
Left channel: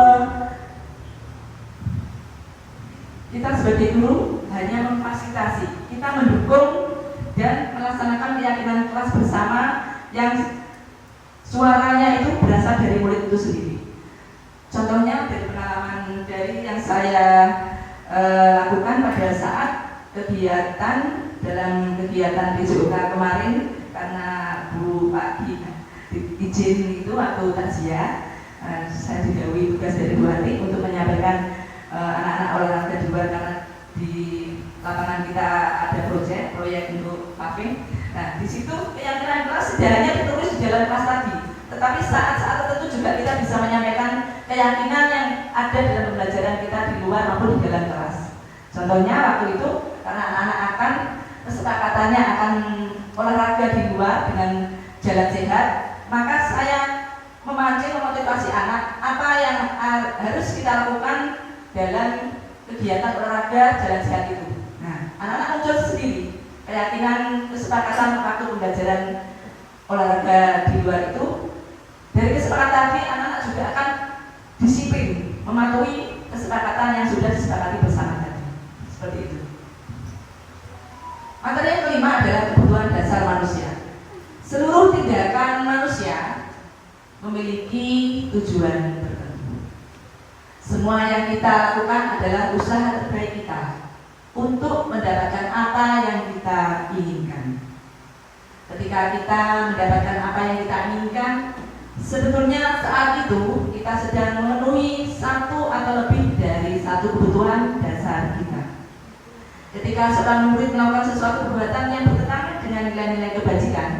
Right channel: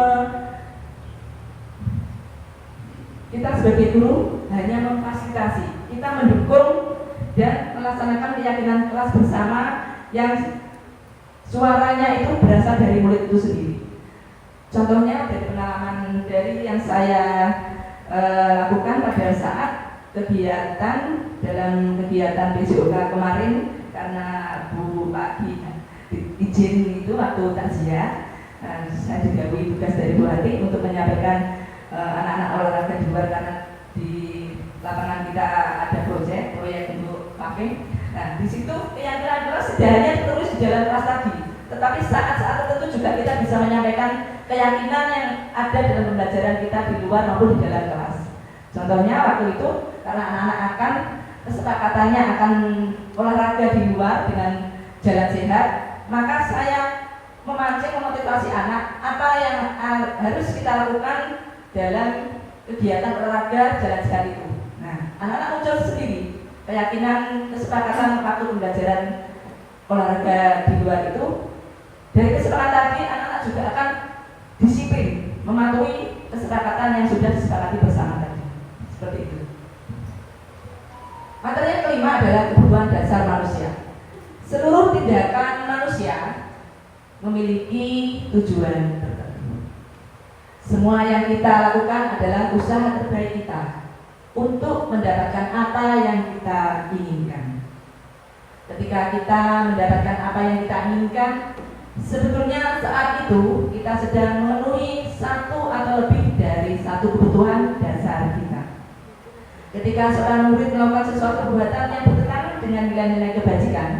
hanya memfasilitasi, kita mendukung dan melaksanakan keyakinan kelas bersama yang suaranya itu berasal dari murid itu sendiri. Contohnya dari pengalaman dari yang saya lakukan pada saat kegiatan dalam kegiatan PJOK kemarin, karena Bu Pak izin itu waktu takziah, saya didahului tugas dari Bu Hati untuk menyampaikan anak-anak olahraga di luar karena di lapangan kita ada proyek untuk paving. Nah, di situ keyakinan kelas tidak hanya ditulis di dalam kelas tadi, tetapi saat-saat tertentu juga kita bisa menyampaikan keyakinan yang ada dalam pembelajaran kita di luar maupun di dalam kelas. Contohnya waktu itu karena anak-anak kesepakatannya akan olahraga di luar dengan jalan sehat, maka saya memancing memotivasi anak apa yang harus kita lakukan dalam kegiatan olahraga jalan sehat itu. Nah, anak-anak muncul sendiri keyakinan kesepakatan waktu pembelajaran olahraga di luar itu. Dari kesepakatan tadi anak-anak juga akan disiplin mematuhi kesepakatan yang sudah disepakati bersama tadi. Seperti itu. Materi yang kelima adalah kebutuhan dasar manusia. Seluruh tindakan manusia memiliki tujuan tertentu. Semua yang kita lakukan adalah usaha terbaik kita untuk mendapatkan apa yang kita inginkan. Ketika kita mendapatkan apa yang kita inginkan, sebetulnya saat itu kita sedang memenuhi satu atau lebih dari satu kebutuhan dasar kita. Ketika seorang murid melakukan sesuatu perbuatan yang bertentangan dengan nilai-nilai kebajikan,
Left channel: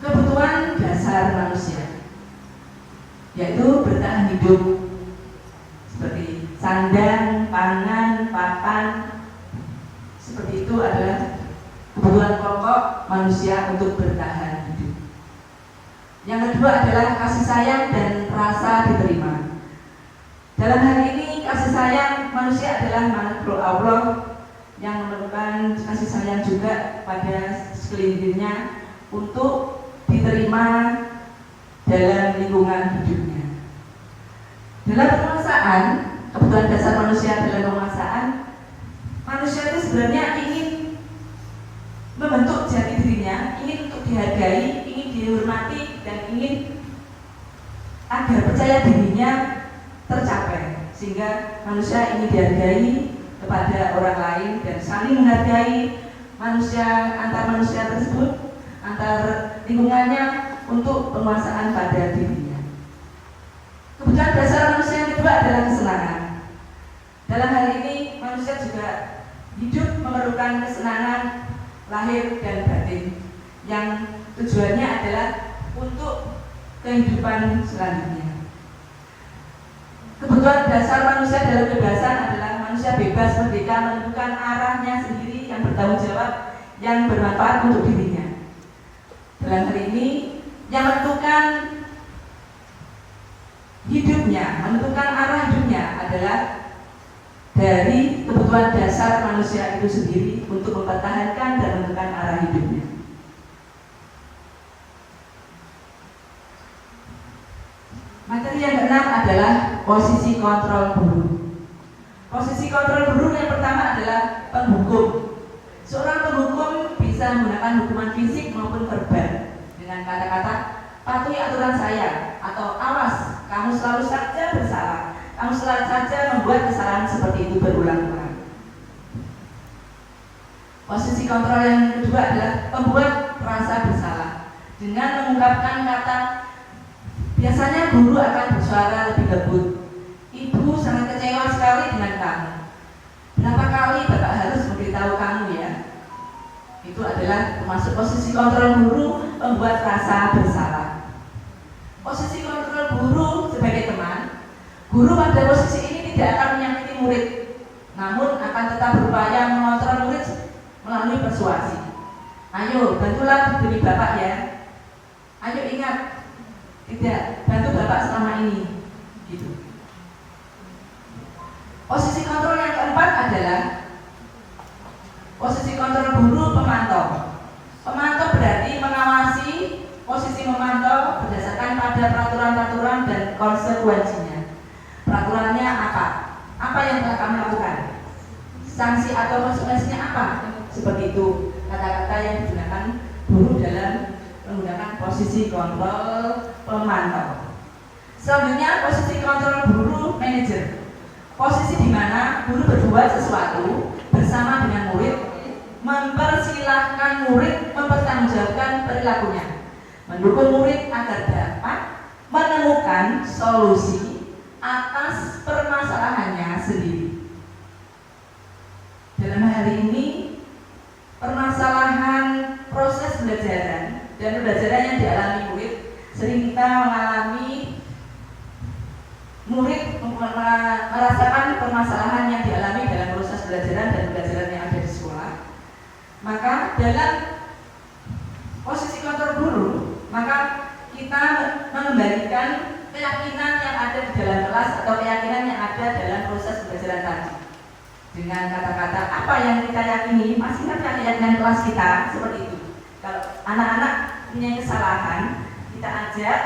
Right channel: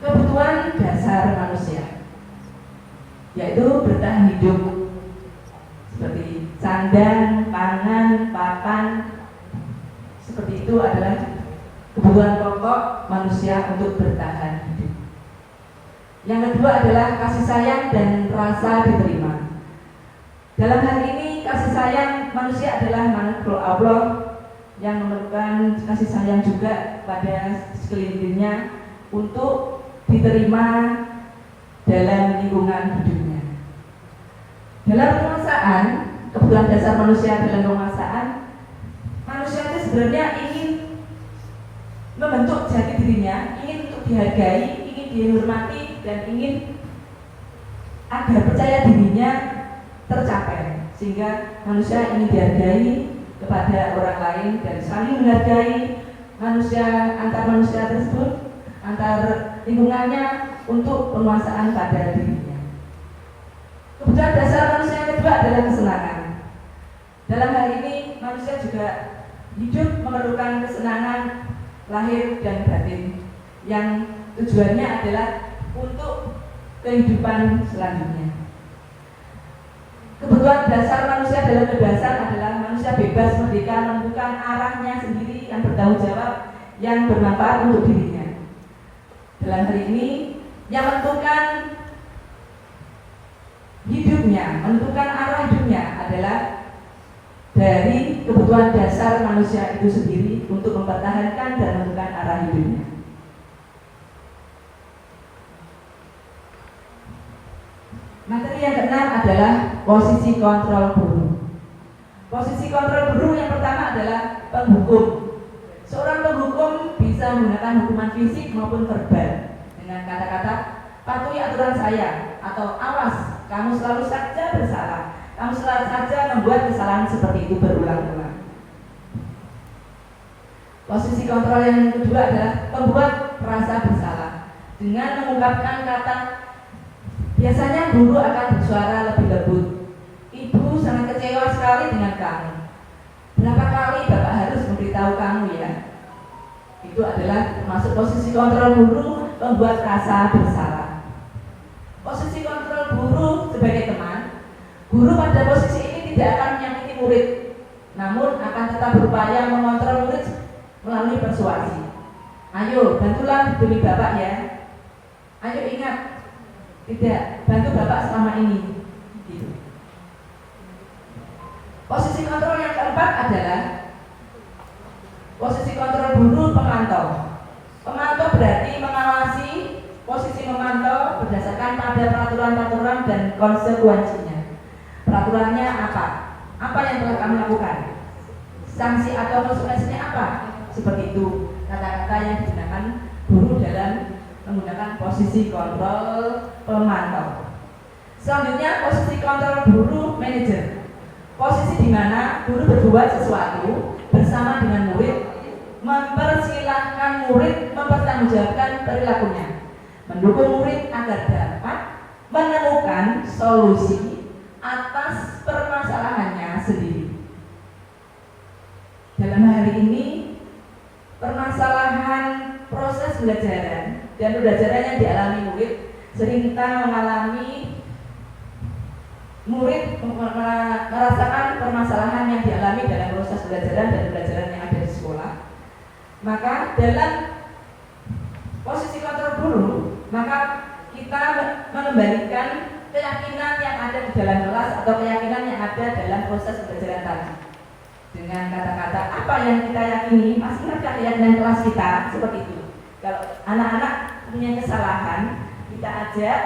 kebutuhan dasar manusia, yaitu bertahan hidup seperti sandang, pangan, papan. Seperti itu adalah kebutuhan pokok manusia untuk bertahan hidup. Yang kedua adalah kasih sayang dan rasa diterima. Dalam hal ini kasih sayang manusia adalah makhluk Allah yang memerlukan kasih sayang juga pada sekelilingnya untuk diterima dalam lingkungan hidupnya. Dalam penguasaan, kebutuhan dasar manusia dalam penguasaan, manusia itu sebenarnya ingin membentuk jati dirinya, ingin untuk dihargai, ingin dihormati, dan ingin agar percaya dirinya tercapai, sehingga manusia ingin dihargai kepada orang lain dan saling menghargai antar manusia tersebut, antar lingkungannya untuk penguasaan pada dirinya. Kebutuhan dasar manusia yang kedua adalah kesenangan. Dalam hal ini manusia juga hidup memerlukan kesenangan lahir dan batin yang tujuannya adalah untuk kehidupan selanjutnya. Kebutuhan dasar manusia dalam kebebasan adalah manusia bebas, merdeka, menentukan arahnya sendiri, yang bertanggung jawab, yang bermanfaat untuk dirinya. Dalam hal ini, yang menentukan hidupnya, menentukan arah hidupnya adalah dari kebutuhan dasar manusia itu sendiri untuk mempertahankan dan menentukan arah hidupnya. Materi yang keenam adalah posisi kontrol guru. Posisi kontrol guru yang pertama adalah penghukum. Seorang penghukum bisa menggunakan hukuman fisik maupun verbal dengan kata-kata patuhi aturan saya atau awas, kamu selalu saja bersalah, kamu selalu saja membuat kesalahan seperti itu berulang-ulang. Posisi kontrol yang kedua adalah membuat rasa bersalah dengan mengungkapkan kata. Biasanya guru akan bersuara lebih lembut. Ibu sangat kecewa sekali dengan kamu. Berapa kali Bapak harus memberitahu kamu ya? Itu adalah termasuk posisi kontrol guru, membuat rasa bersalah. Posisi kontrol guru sebagai teman, guru pada posisi ini tidak akan menyakiti murid, namun akan tetap berupaya mengontrol murid melalui persuasi. Ayo, bantulah diri Bapak ya. Ayo ingat, tidak bantu Bapak selama ini gitu. Posisi kontrol yang keempat adalah posisi kontrol guru pemantau. Pemantau berarti mengawasi. Posisi memantau berdasarkan pada peraturan-peraturan dan konsekuensinya. Peraturannya apa? Apa yang telah kami lakukan? Sanksi atau konsekuensinya apa? Seperti itu kata-kata yang digunakan guru dalam menggunakan posisi kontrol pemantau. Selanjutnya posisi kontrol guru manajer. Posisi di mana guru berbuat sesuatu bersama dengan murid, mempersilahkan murid mempertanggungjawabkan perilakunya, mendukung murid agar dapat menemukan solusi atas permasalahannya sendiri. Dalam hal ini, permasalahan proses pembelajaran dan pembelajaran yang dialami murid, sering kita mengalami murid merasakan permasalahan yang dialami dalam proses pembelajaran dan pembelajaran yang ada di sekolah. Maka dalam posisi kontrol guru, maka kita mengembalikan keyakinan yang ada di dalam kelas atau keyakinan yang ada dalam proses pembelajaran tadi. Dengan kata-kata apa yang kita yakini, masih-masih keyakinan kelas kita seperti itu. Kalau anak-anak punya kesalahan, kita ajak,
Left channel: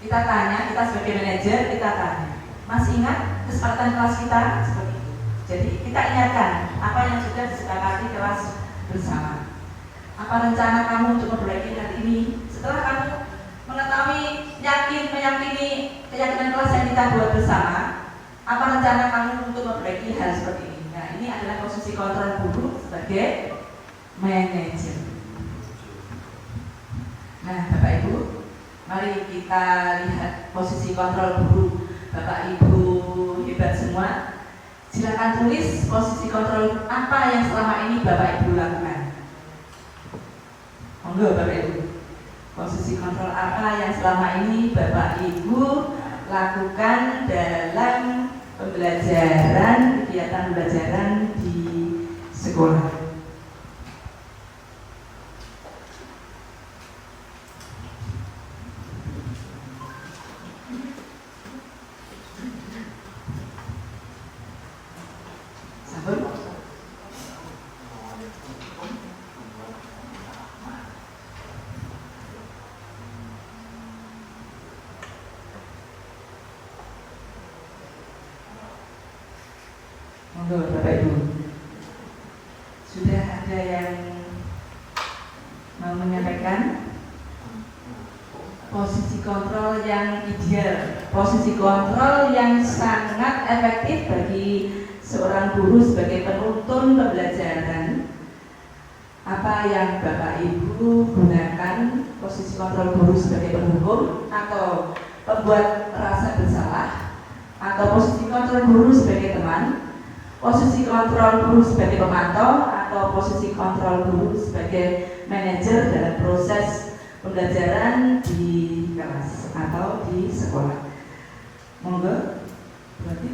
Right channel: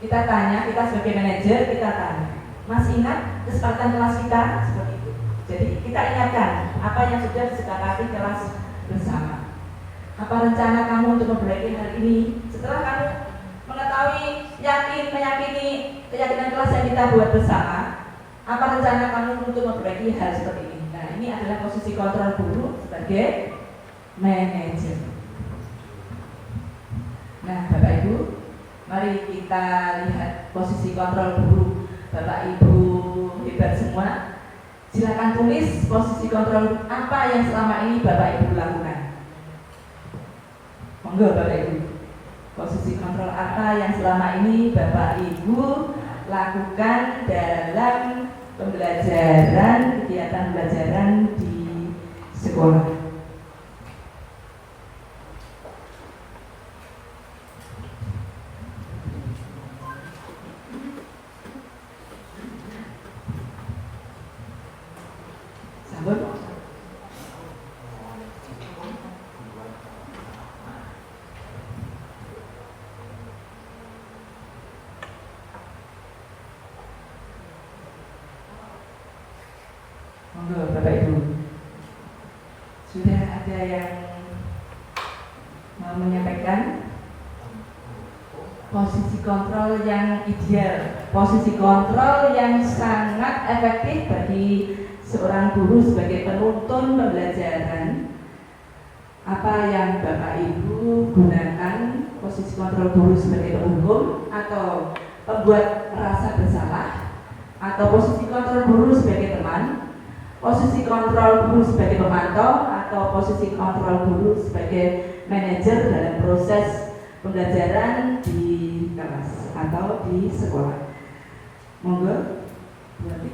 kita tanya, kita sebagai manajer kita tanya, masih ingat kesepakatan kelas kita seperti itu. Jadi kita ingatkan apa yang sudah disepakati kelas bersama. Apa rencana kamu untuk memperbaiki hal ini? Setelah kamu mengetahui, meyakini keyakinan kelas yang kita buat bersama, apa rencana kamu untuk memperbaiki hal seperti ini? Nah, ini adalah posisi kontrol guru sebagai manajer. Nah, Bapak Ibu, mari kita lihat posisi kontrol guru. Bapak Ibu hebat semua. Silakan tulis posisi kontrol apa yang selama ini Bapak Ibu lakukan. Monggo Bapak Ibu. apa yang selama ini Bapak Ibu lakukan dalam pembelajaran, kegiatan pembelajaran di sekolah. Monggo Bapak Ibu. Sudah ada yang mau menyampaikan posisi kontrol yang ideal, posisi kontrol yang sangat efektif bagi seorang guru sebagai penuntun pembelajaran. Apa yang Bapak Ibu gunakan posisi kontrol guru sebagai penghubung atau pembuat rasa bersalah, atau posisi kontrol guru sebagai teman, posisi kontrol guru sebagai pemantau, atau posisi kontrol guru sebagai manajer dalam proses pembelajaran di kelas atau di sekolah. Monggo, berarti.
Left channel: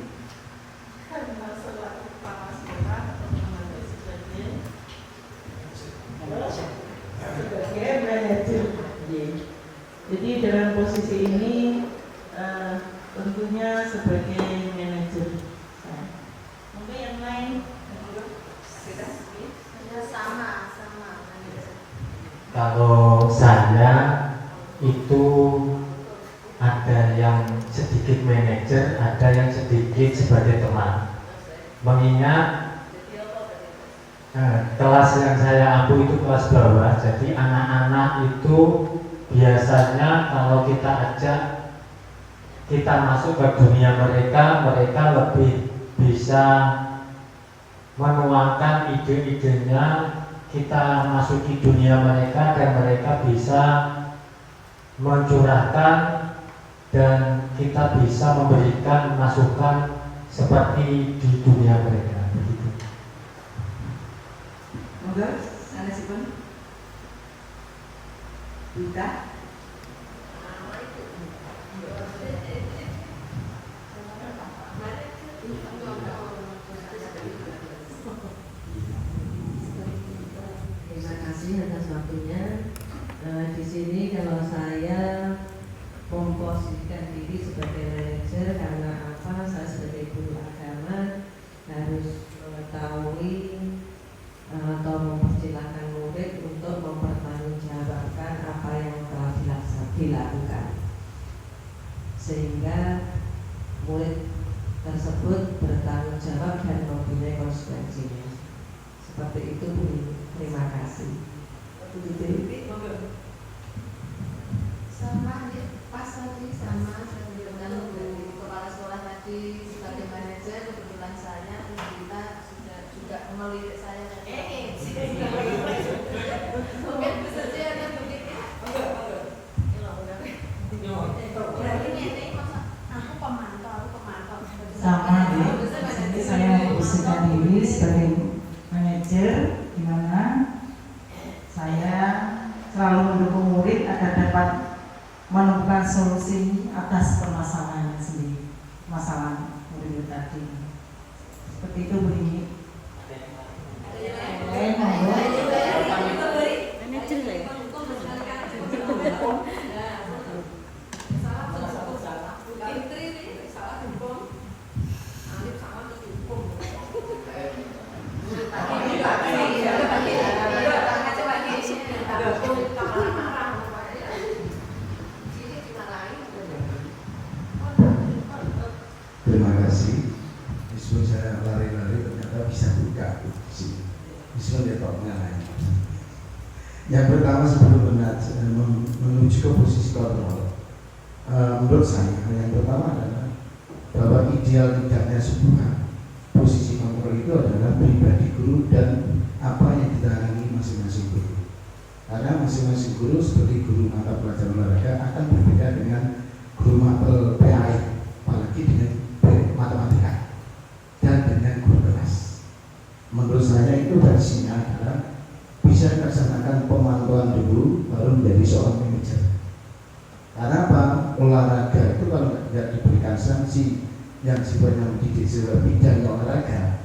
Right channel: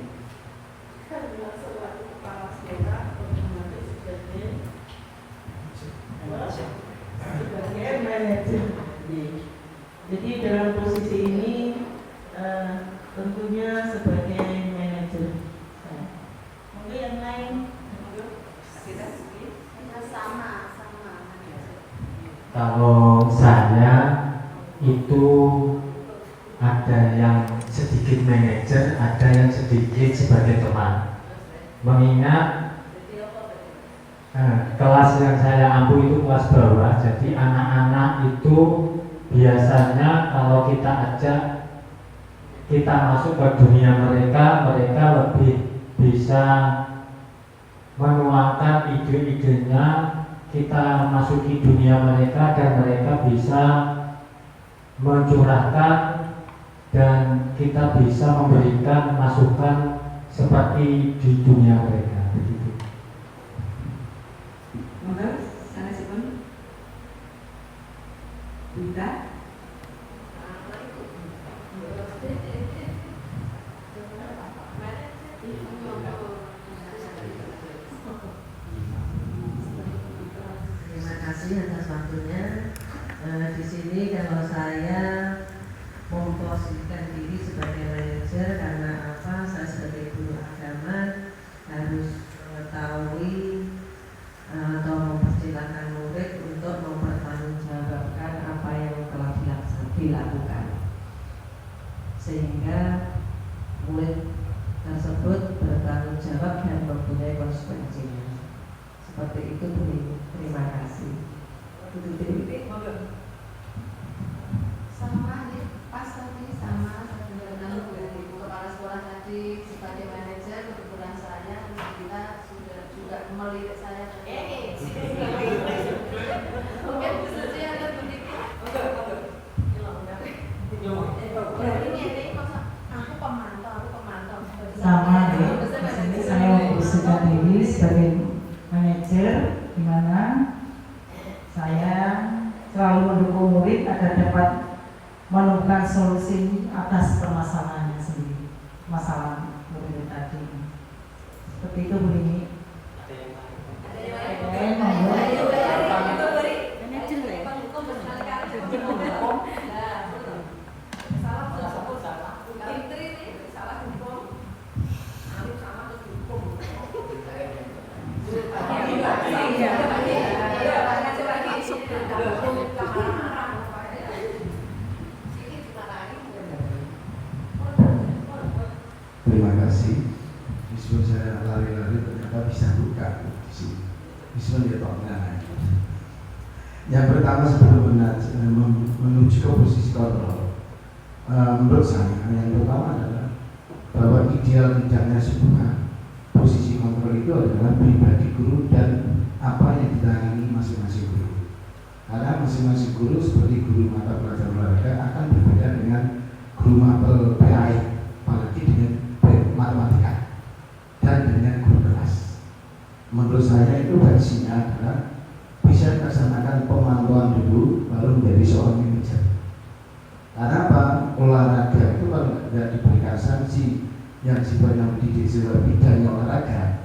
Sebagai manajer. Jadi dalam posisi ini tentunya sebagai manajer. Mungkin yang lain sama. Kalau saya itu ada yang sedikit manajer, ada yang sedikit sebagai teman. Mengingat kelas yang saya ampu itu kelas bawah, jadi anak-anak itu biasanya kalau kita ajak kita masuk ke dunia mereka, mereka lebih bisa menuangkan ide-idenya, kita masuki dunia mereka dan mereka bisa mencurahkan dan kita bisa memberikan masukan seperti di dunia mereka. Begitu. Monggo, sanesipun. Bisa. Terima kasih atas waktunya. Di sini kalau saya memposisikan diri sebagai manajer karena apa? Saya sebagai guru agama harus mengetahui atau mempersilahkan murid untuk mempertanggungjawabkan apa yang telah dilakukan, sehingga murid tersebut bertanggung jawab dan mempunyai konsekuensinya. Seperti itu Bu. Terima kasih. Sama nih, pas tadi sama dengan kepala sekolah tadi sebagai manajer, kebetulan saya kita sudah juga melirik saya. Mungkin bisa ada budiknya. Berarti ini masa aku pemantau. sama ya. Jadi saya memposisikan diri sebagai manajer, di mana saya selalu mendukung murid agar dapat menemukan solusi atas permasalahannya sendiri, masalah murid tadi. Seperti itu Bu ini. Terima kasih. Meskipun saya lari-lari ternyata bisa buka di sini. Meskipun dia pernah. Yang pertama sebelum menuju ke posisi kontrol, menurut saya yang pertama adalah bahwa ideal tidaknya sebuah posisi kontrol itu adalah pribadi guru dan apa yang ditangani masing-masing guru. Karena masing-masing guru seperti guru mata pelajaran olahraga akan berbeda dengan guru mapel PAI, apalagi dengan matematika dan dengan guru kelas. Menurut saya itu dari sini adalah bisa dilaksanakan pemantauan dulu baru menjadi seorang manajer. yang sifatnya mendidik siswa bidang olahraga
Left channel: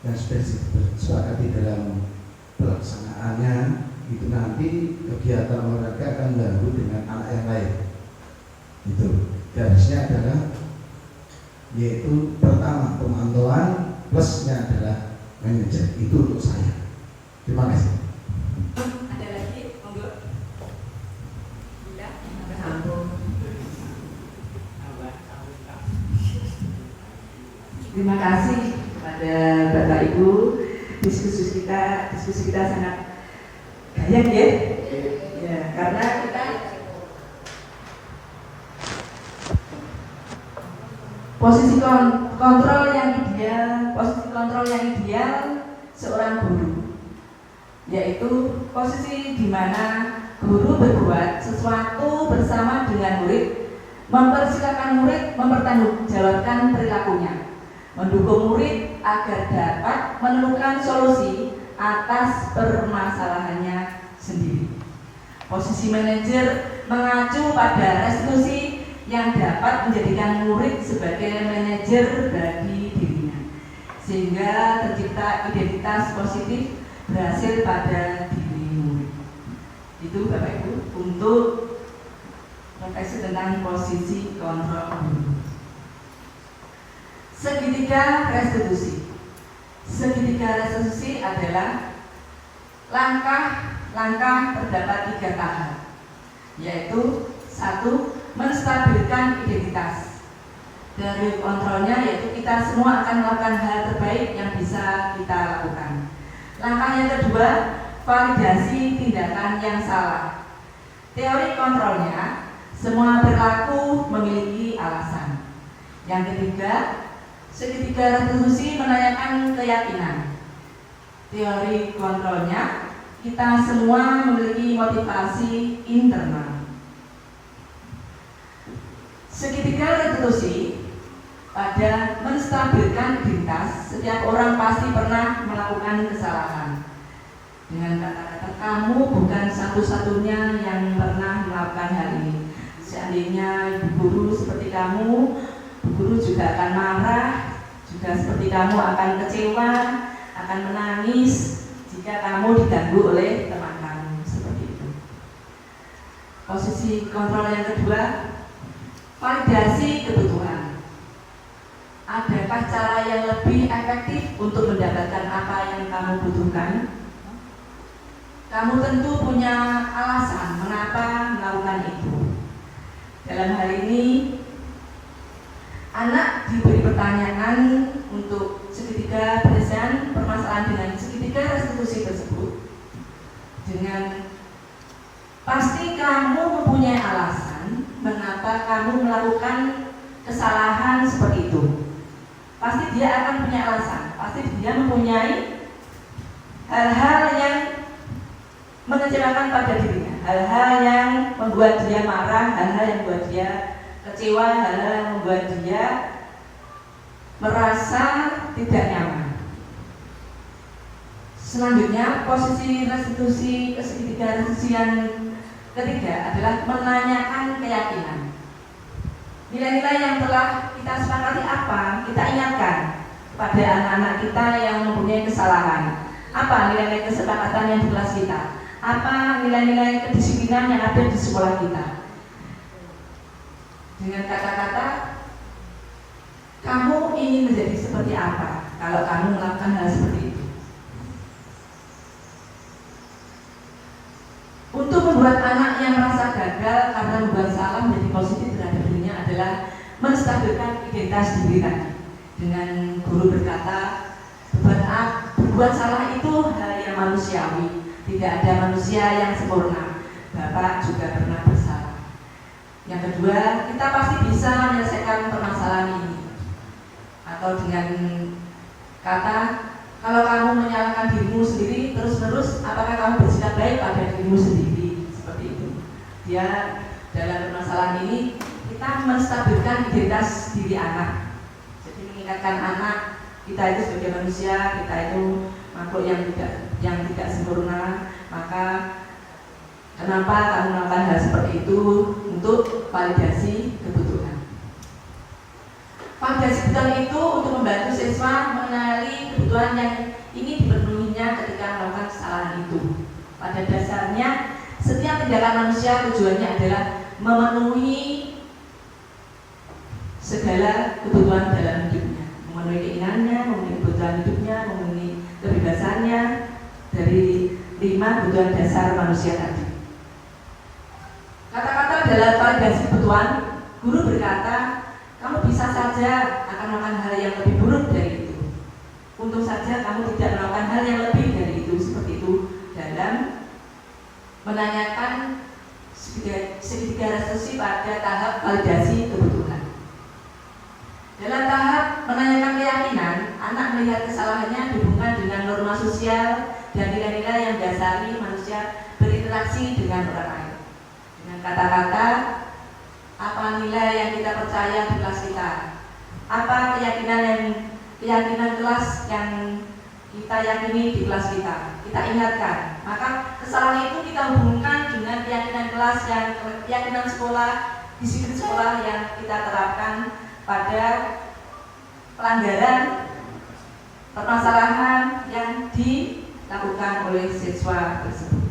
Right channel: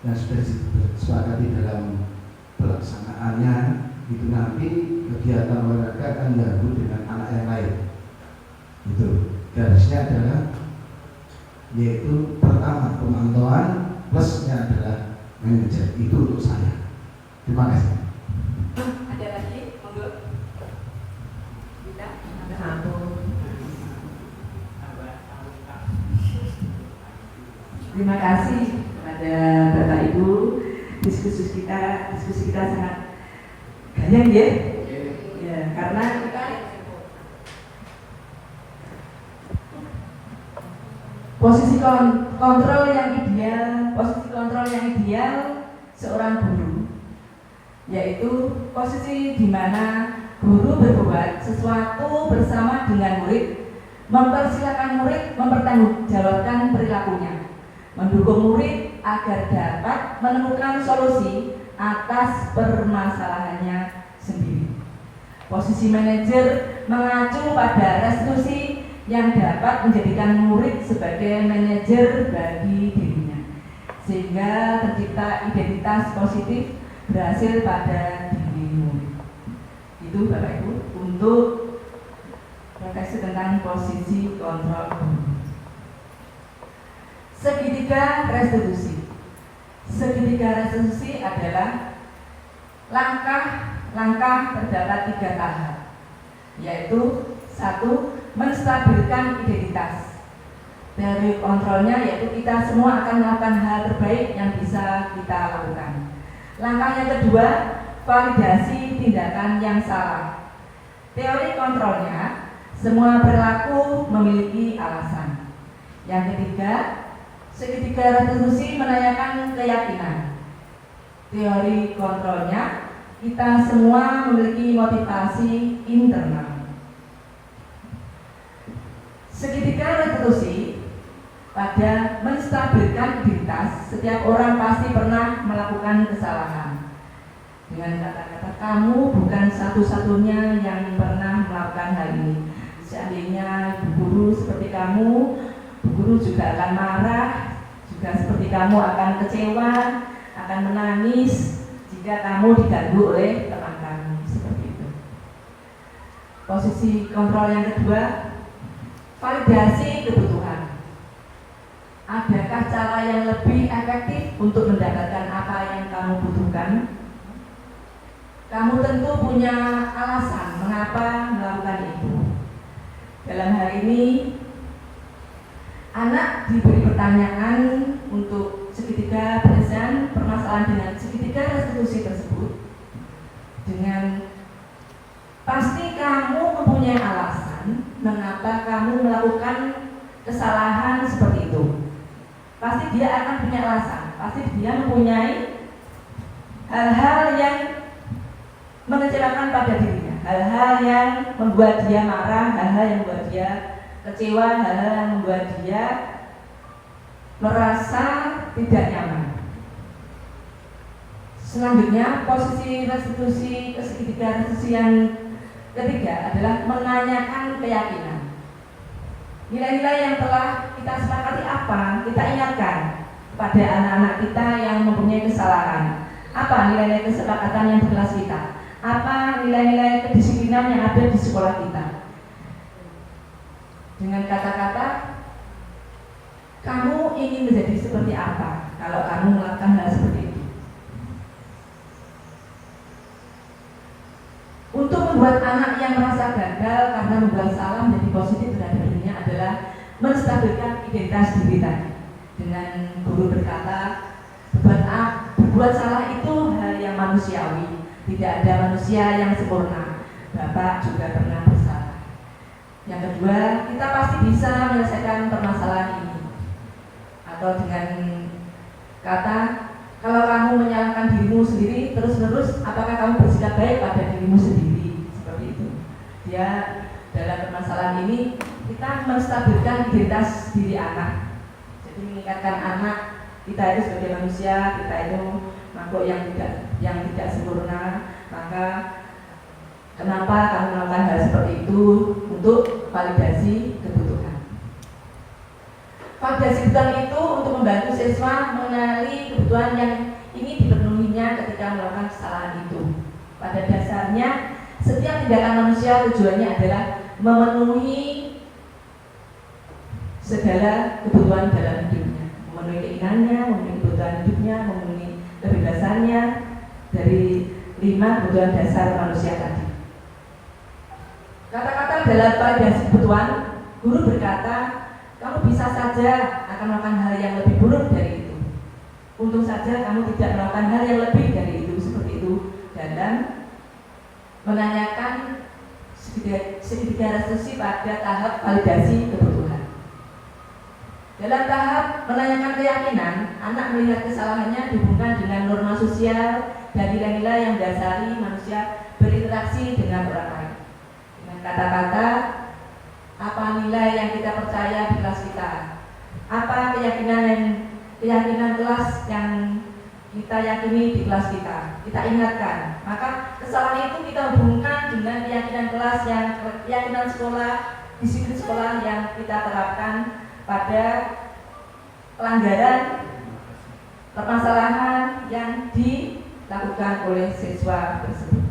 yang sudah disepakati dalam pelaksanaannya, itu nanti kegiatan olahraga akan digabung dengan anak yang lain. Itu garisnya adalah yaitu pertama pemantauan, plusnya adalah manajer. Itu untuk saya. Terima kasih. Ada lagi, monggo. Bila, terima kasih pada Bapak Ibu. Diskusi kita sangat gayeng ya. Ya, karena kita posisi kontrol yang ideal seorang guru, yaitu posisi di mana guru berbuat sesuatu bersama dengan murid, mempersilakan murid mempertanggungjawabkan perilakunya, mendukung murid agar dapat menemukan solusi atas permasalahannya sendiri. Posisi manajer mengacu pada restitusi yang dapat menjadikan murid sebagai manajer bagi dirinya, sehingga tercipta identitas positif berhasil pada diri murid. Itu Bapak Ibu untuk refleksi tentang posisi kontrol guru. Segitiga restitusi. Segitiga restitusi adalah langkah terdapat 3 tahap, yaitu 1. Menstabilkan identitas. Dari kontrolnya yaitu kita semua akan melakukan hal terbaik yang bisa kita lakukan. Langkah yang kedua, validasi tindakan yang salah. Teori kontrolnya, semua perilaku memiliki alasan. Yang ketiga, segitiga restitusi menanyakan keyakinan. Teori kontrolnya, kita semua memiliki motivasi internal. Segitiga restitusi pada menstabilkan identitas. Setiap orang pasti pernah melakukan kesalahan. Dengan kata-kata, kamu bukan satu-satunya yang pernah melakukan hal ini. Seandainya guru seperti kamu, guru juga akan marah, juga seperti kamu akan kecewa, akan menangis jika kamu diganggu oleh teman kamu. Seperti itu. Posisi kontrol yang kedua, validasi kebutuhan. Adakah cara yang lebih efektif untuk mendapatkan apa yang kamu butuhkan? Kamu tentu punya alasan mengapa melakukan itu. Dalam hal ini, anak diberi pertanyaan untuk segitiga penyelesaian permasalahan dengan segitiga restitusi tersebut. Dengan pasti kamu mempunyai alasan mengapa kamu melakukan kesalahan seperti itu. Pasti dia akan punya alasan. Pasti dia mempunyai hal-hal yang mengecewakan pada dirinya, hal-hal yang membuat dia marah, hal-hal yang membuat dia kecewa, hal-hal yang membuat dia merasa tidak nyaman. Selanjutnya, posisi restitusi segitiga restitusi yang ketiga adalah menanyakan keyakinan. Nilai-nilai yang telah kita sepakati apa? Kita ingatkan kepada anak-anak kita yang mempunyai kesalahan. Apa nilai-nilai kesepakatan yang di kelas kita? Apa nilai-nilai kedisiplinan yang ada di sekolah kita? Dengan kata-kata, kamu ingin menjadi seperti apa kalau kamu melakukan hal seperti itu? Untuk membuat anak yang merasa gagal karena membuat salah menjadi positif terhadap dirinya adalah menstabilkan identitas diri tadi. Dengan guru berkata, berbuat salah itu hal yang manusiawi. Tidak ada manusia yang sempurna. Bapak juga pernah bersalah. Yang kedua, kita pasti bisa menyelesaikan permasalahan ini. Atau dengan kata, kalau kamu menyalahkan dirimu sendiri terus-menerus, apakah kamu bersikap baik pada dirimu sendiri? Seperti itu. Ya, dalam permasalahan ini kita menstabilkan identitas diri anak. Jadi mengingatkan anak kita itu sebagai manusia, kita itu makhluk yang tidak sempurna. Maka kenapa kamu melakukan hal seperti itu? Untuk validasi kebutuhan. Validasi kebutuhan manusia tujuannya adalah memenuhi segala kebutuhan dalam hidupnya, memenuhi keinginannya, memenuhi kebutuhan hidupnya, memenuhi kebebasannya dari 5 kebutuhan dasar manusia tadi. Kata-kata dalam validasi kebutuhan, guru berkata, kamu bisa saja akan melakukan hal yang lebih buruk dari itu. Untung saja kamu tidak melakukan hal yang lebih dari itu, seperti itu dalam menanyakan segitiga restitusi pada tahap validasi kebutuhan. Dalam tahap menanyakan keyakinan, anak melihat kesalahannya dihubungkan dengan norma sosial dan nilai-nilai yang dasari manusia berinteraksi dengan orang lain. Dengan kata-kata, apa nilai yang kita percaya di kelas kita? Apa keyakinan kelas yang kita yakini di kelas kita? Kita ingatkan. Maka kesalahan itu kita hubungkan dengan keyakinan kelas keyakinan sekolah, disiplin sekolah yang kita terapkan pada pelanggaran permasalahan yang dilakukan oleh siswa tersebut.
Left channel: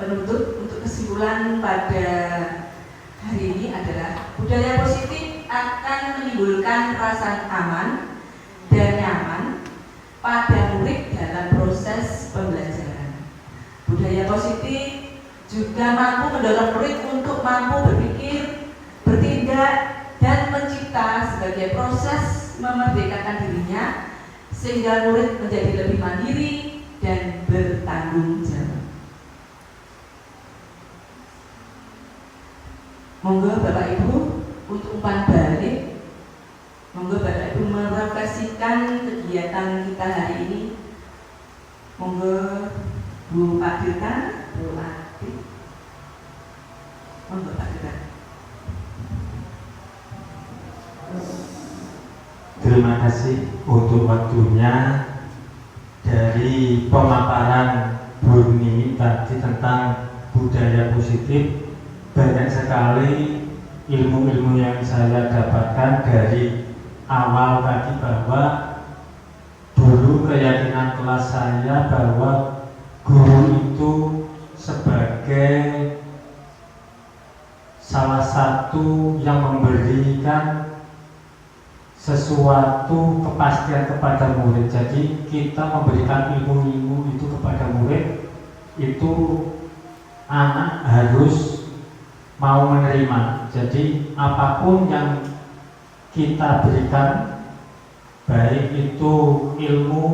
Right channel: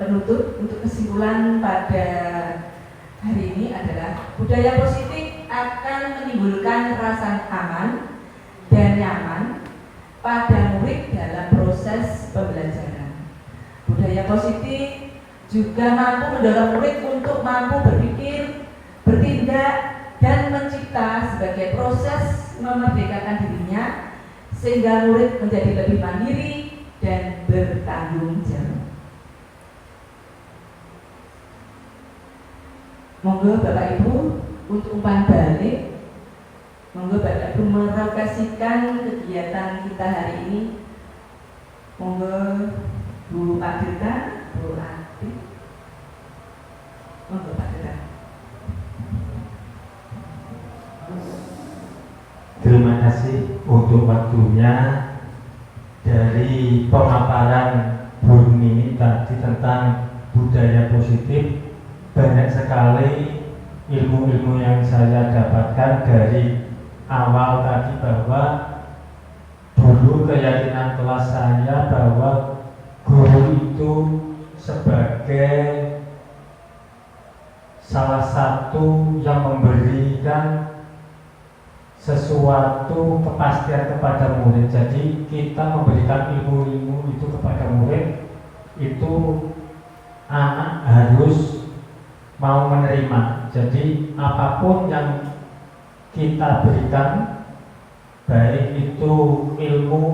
Penutup untuk kesimpulan pada hari ini adalah budaya positif akan menimbulkan rasa aman dan nyaman pada murid dalam proses pembelajaran. Budaya positif juga mampu mendorong murid untuk mampu berpikir, bertindak, dan mencipta sebagai proses memerdekakan dirinya sehingga murid menjadi lebih mandiri dan bertanggung jawab. Monggo Bapak Ibu untuk umpan balik, monggo Bapak Ibu merefleksikan kegiatan kita hari ini. Monggo Bu Adita, Bu Ati, monggo Pak Adita. Terima kasih untuk waktunya. Dari pemaparan Bu Nini tadi tentang budaya positif, banyak sekali ilmu-ilmu yang saya dapatkan dari awal tadi, bahwa dulu keyakinan kelas saya bahwa guru itu sebagai salah satu yang memberikan sesuatu kepastian kepada murid. Jadi kita memberikan ilmu-ilmu itu kepada murid, itu anak harus mau menerima. Jadi apapun yang kita berikan, baik itu ilmu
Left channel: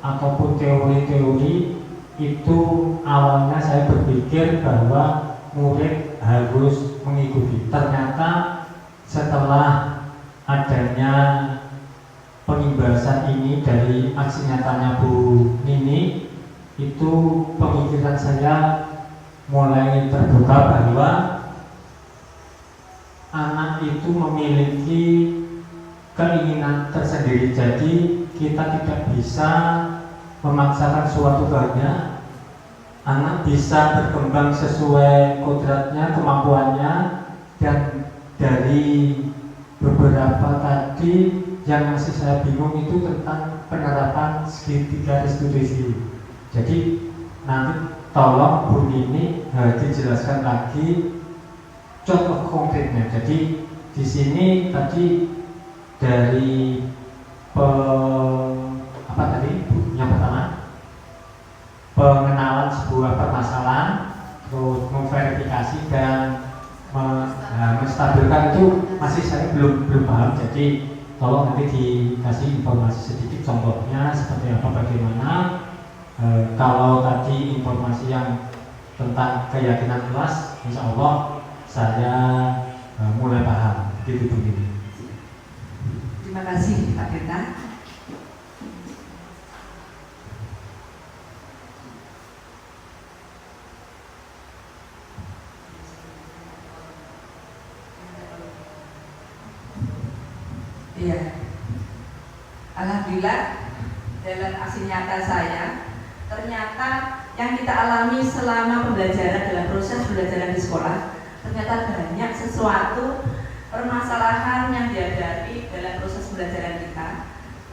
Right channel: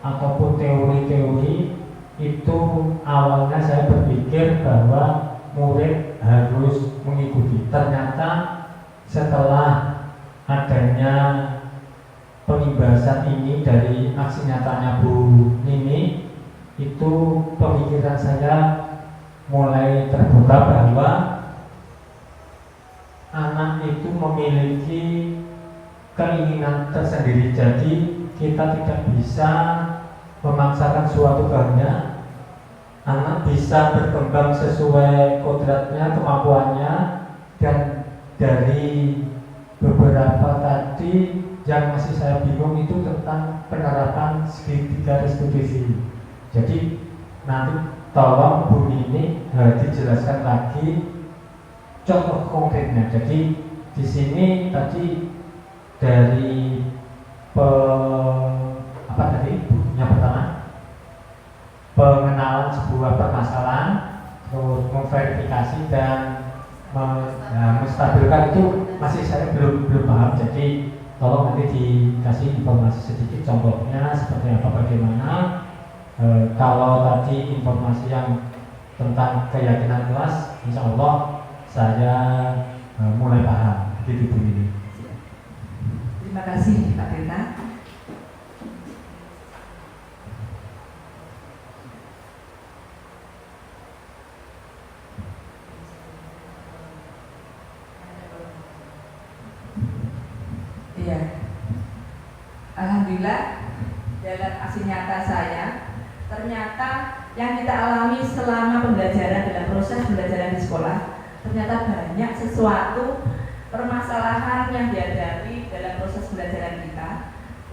ataupun teori-teori, itu awalnya saya berpikir bahwa murid harus mengikuti. Ternyata setelah adanya penimbasan ini dari aksi nyatanya Bu Nini, itu pemikiran saya mulai terbuka bahwa anak itu memiliki keinginan tersendiri. Jadi kita tidak bisa memaksakan suatu kehendak. Anak bisa berkembang sesuai kodratnya, kemampuannya. Dan dari beberapa tadi yang masih saya bingung itu tentang penerapan segitiga restitusi. Jadi nanti tolong Bu Nini dijelaskan lagi contoh konkretnya. Jadi di sini tadi dari yang pertama, pengenalan sebuah permasalahan, terus memverifikasi dan menstabilkan, itu masih saya belum paham. Jadi tolong nanti dikasih informasi sedikit contohnya seperti apa, bagaimana. Kalau tadi informasi yang tentang keyakinan kelas, insya Allah saya mulai paham. Itu begini. Terima kasih Pak Genta. Iya. Alhamdulillah dalam aksi nyata saya, ternyata yang kita alami selama pembelajaran dalam proses pembelajaran di sekolah, ternyata banyak sesuatu permasalahan yang dihadapi dalam proses pembelajaran kita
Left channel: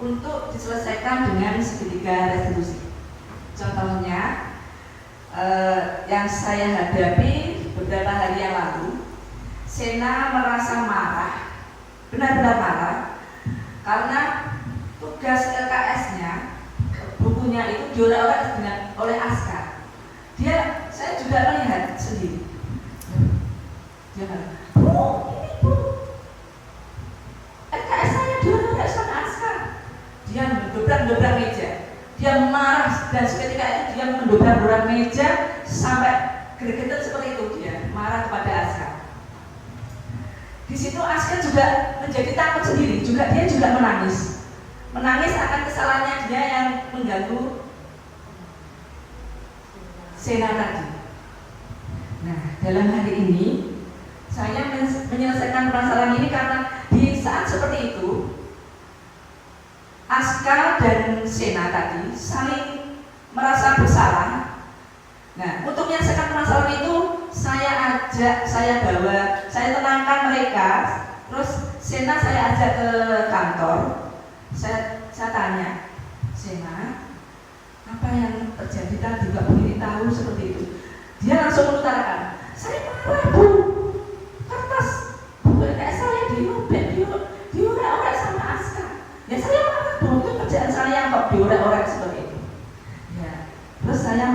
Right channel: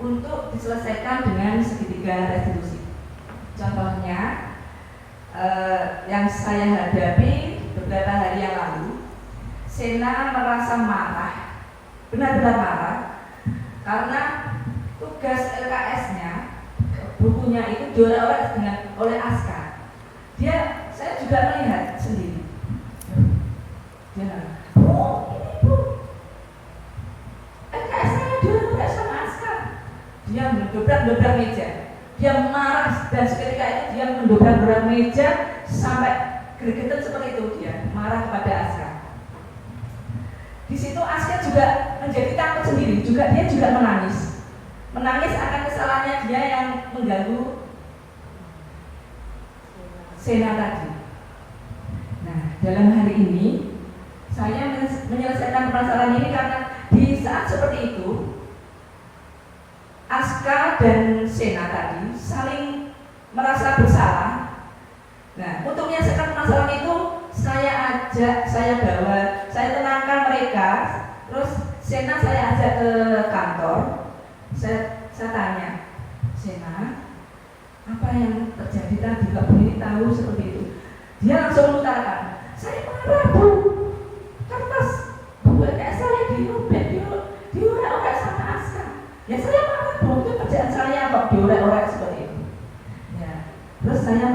untuk diselesaikan dengan segitiga restitusi. Contohnya yang saya hadapi beberapa hari yang lalu, Sena merasa marah, benar-benar marah, karena tugas LKS-nya, bukunya itu dioleh oleh Askar. Saya juga melihat sendiri. Dia bilang, Bu, LKS saya dioleh sama Askar. Dia mendobrak meja. Dia marah dan seketika itu dia mendobrak meja sampai gregetan seperti itu. Dia marah kepada Askar. Di situ Askar juga menjadi takut sendiri. Dia juga menangis akan kesalahannya dia yang mengganggu Sena tadi. Nah, dalam hari ini saya menyelesaikan permasalahan ini karena di saat seperti itu Askar dan Sena tadi saling merasa bersalah. Nah, untuk menyelesaikan permasalahan itu saya bawa, saya tenangkan mereka. Terus Sena saya ajak ke kantor. Saya tanya, Sena, apa yang terjadi tadi? Mbak Bu tahu seperti itu. Dia langsung mengutarakan, saya marah Bu, kertas buku LKS saya diorek-orek sama Askar. Ya saya marah Bu, itu kerjaan saya kok diorek-orek seperti itu. Ya, terus saya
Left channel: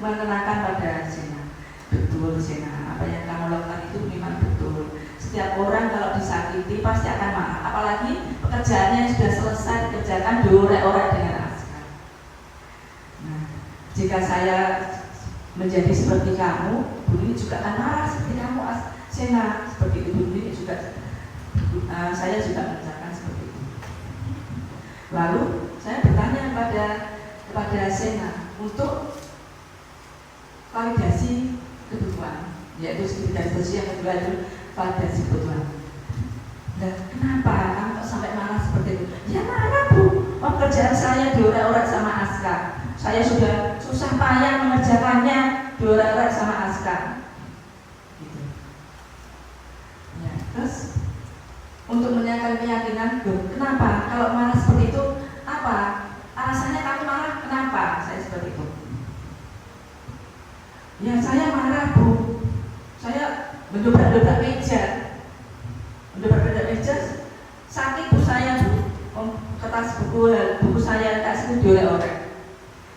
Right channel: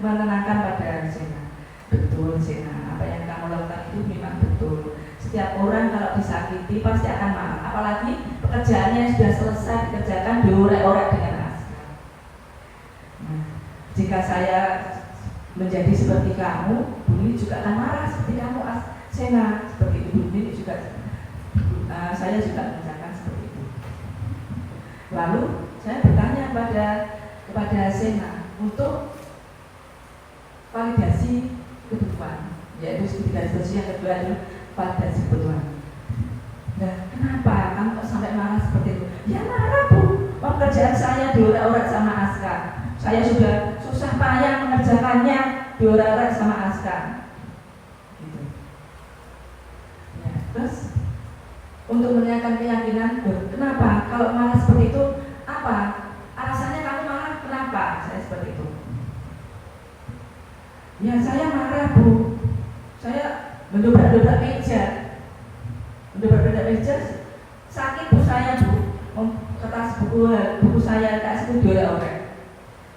menenangkan pada Sena, betul Sena, apa yang kamu lakukan itu memang betul. Setiap orang kalau disakiti pasti akan marah, apalagi pekerjaannya yang sudah selesai dikerjakan diorek-orek dengan Askar. Nah, jika saya menjadi seperti kamu, Buni juga akan marah seperti kamu, Sena, seperti itu. Buni juga, saya juga mengerjakan seperti itu. Lalu saya bertanya kepada Sena untuk validasi kebutuhan, yaitu validasi yang kedua itu validasi kebutuhan. Nah, kenapa kamu sampai marah seperti itu? Ya marah Bu, pekerjaan saya diorek-orek sama Askar. Saya sudah susah payah mengerjakannya, diorek-orek sama Askar. Gitu. Ya, terus untuk menanyakan keyakinan, kenapa kalau marah seperti itu? Apa alasannya kamu marah? Kenapa saya seperti itu? Ya saya marah Bu, saya mendobrak meja, sakit Bu saya Bu, kertas buku saya kasih diorek-orek.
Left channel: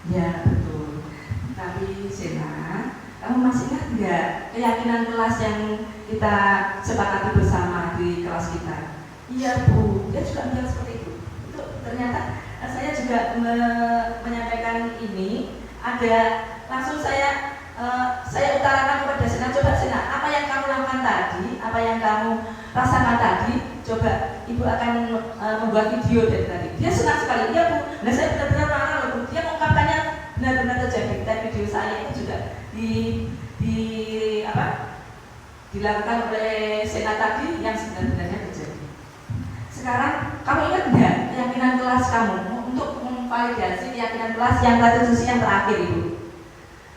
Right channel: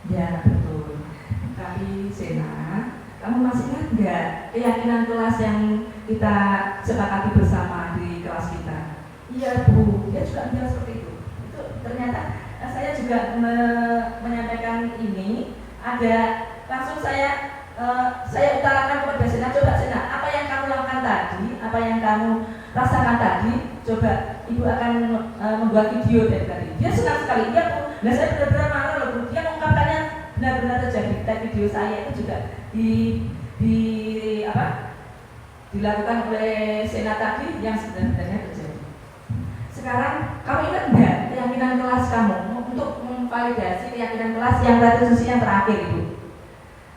Ya betul. Tapi Sena, kamu masih ingat nggak keyakinan kelas yang kita sepakati bersama di kelas kita? Iya Bu, dia juga bilang seperti itu. Itu ternyata saya juga menyampaikan ini. Ada langsung saya utarakan kepada Sena, coba Sena, apa yang kamu lakukan tadi, apa yang kamu rasakan tadi, coba Ibu akan membuat video dari tadi. Dia senang sekali, iya Bu. Nah saya benar-benar marah loh Bu. Dia mengungkapkannya benar-benar terjadi. Dan video saya itu juga dilakukan oleh Sena tadi yang sebenarnya terjadi. Sekarang kamu ingat nggak keyakinan kelas kamu untuk memvalidasi keyakinan kelas yang sesi yang terakhir itu?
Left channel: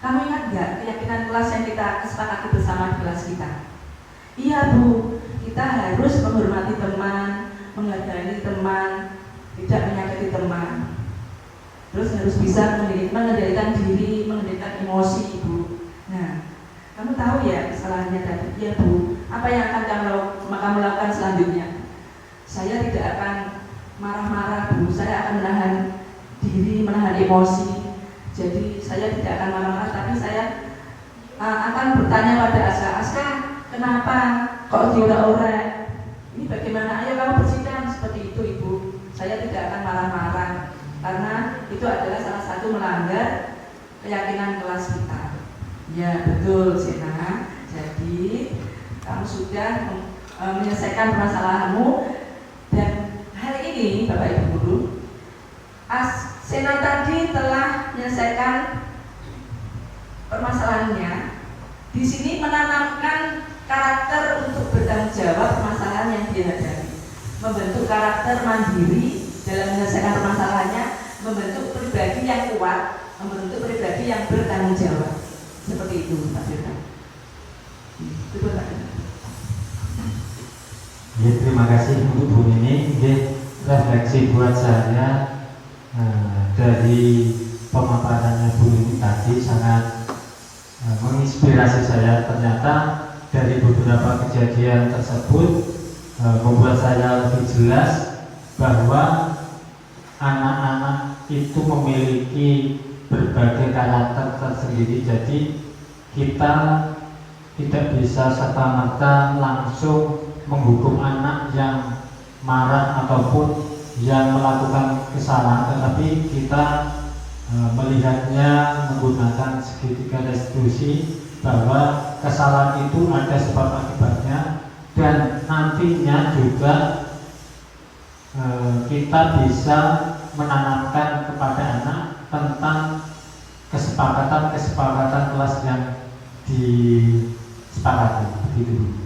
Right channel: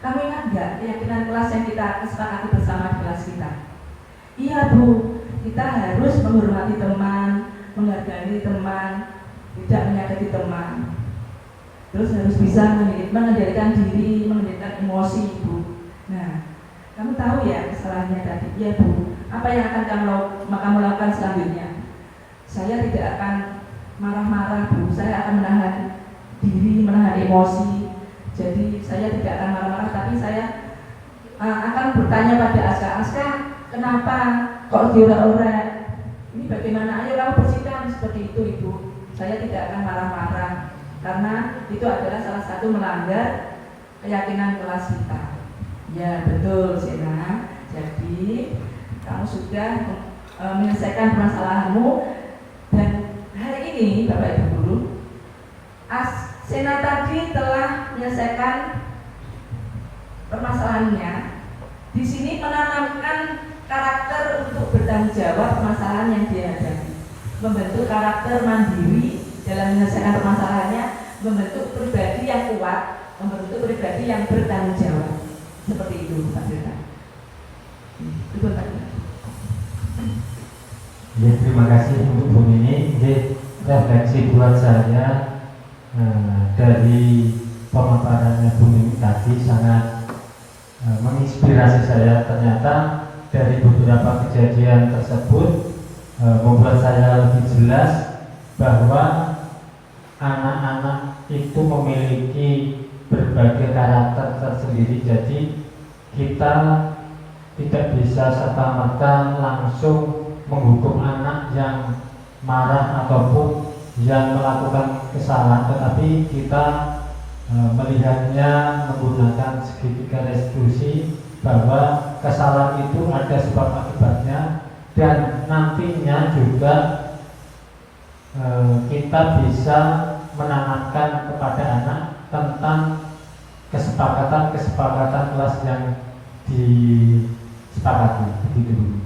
Kamu ingat nggak keyakinan kelas yang kita kesepakati bersama di kelas kita? Iya Bu, kita harus menghormati teman, menghargai teman, tidak menyakiti teman. Terus harus bisa mengendalikan diri, mengendalikan emosi Ibu. Nah, kamu tahu ya kesalahannya tadi? Iya Bu, apa yang akan kamu lakukan selanjutnya? Saya tidak akan marah-marah Bu, saya akan menahan diri, menahan emosi. Jadi saya tidak akan marah-marah, tapi saya akan bertanya pada Askar, kenapa kok diorek-orek? Ini bagaimana? Ayo kamu bersihkan seperti itu Ibu. Saya tidak akan marah-marah karena itu adalah salah satu melanggar keyakinan kelas kita. Ya betul Sena. Jadi kamu sudah menyelesaikan permasalahanmu dan hari ini Bapak Ibu Guru, Sena tadi telah menyelesaikan permasalahannya. Di sini menanamkan karakter untuk bertanggung jawab permasalahan yang dihadapi, membentuk karakter mandiri dalam menyelesaikan permasalahannya, membentuk pribadi yang kuat, membentuk pribadi yang bertanggung jawab. Seperti itu, Pak Firman. Itu Pak Firman. Ya, terima kasih untuk Bu Nini. Refleksi buat saya dari pemaparannya Bu ini tadi sangat menginspirasi saya. Ternyata dari beberapa kejadian tersebut membuat saya lebih jelas bahwa anak-anak itu memiliki berbagai karakter tersendiri. Jadi kita tidak bisa serta-merta langsung menghukum anak yang marah ataupun yang melakukan kesalahan, tetapi kita melihatnya menggunakan segitiga restitusi, bahwa kesalahan itu ada sebab akibatnya, dan nantinya juga kita bisa menanamkan kepada anak tentang kesepakatan kelas yang disepakati. Begitu.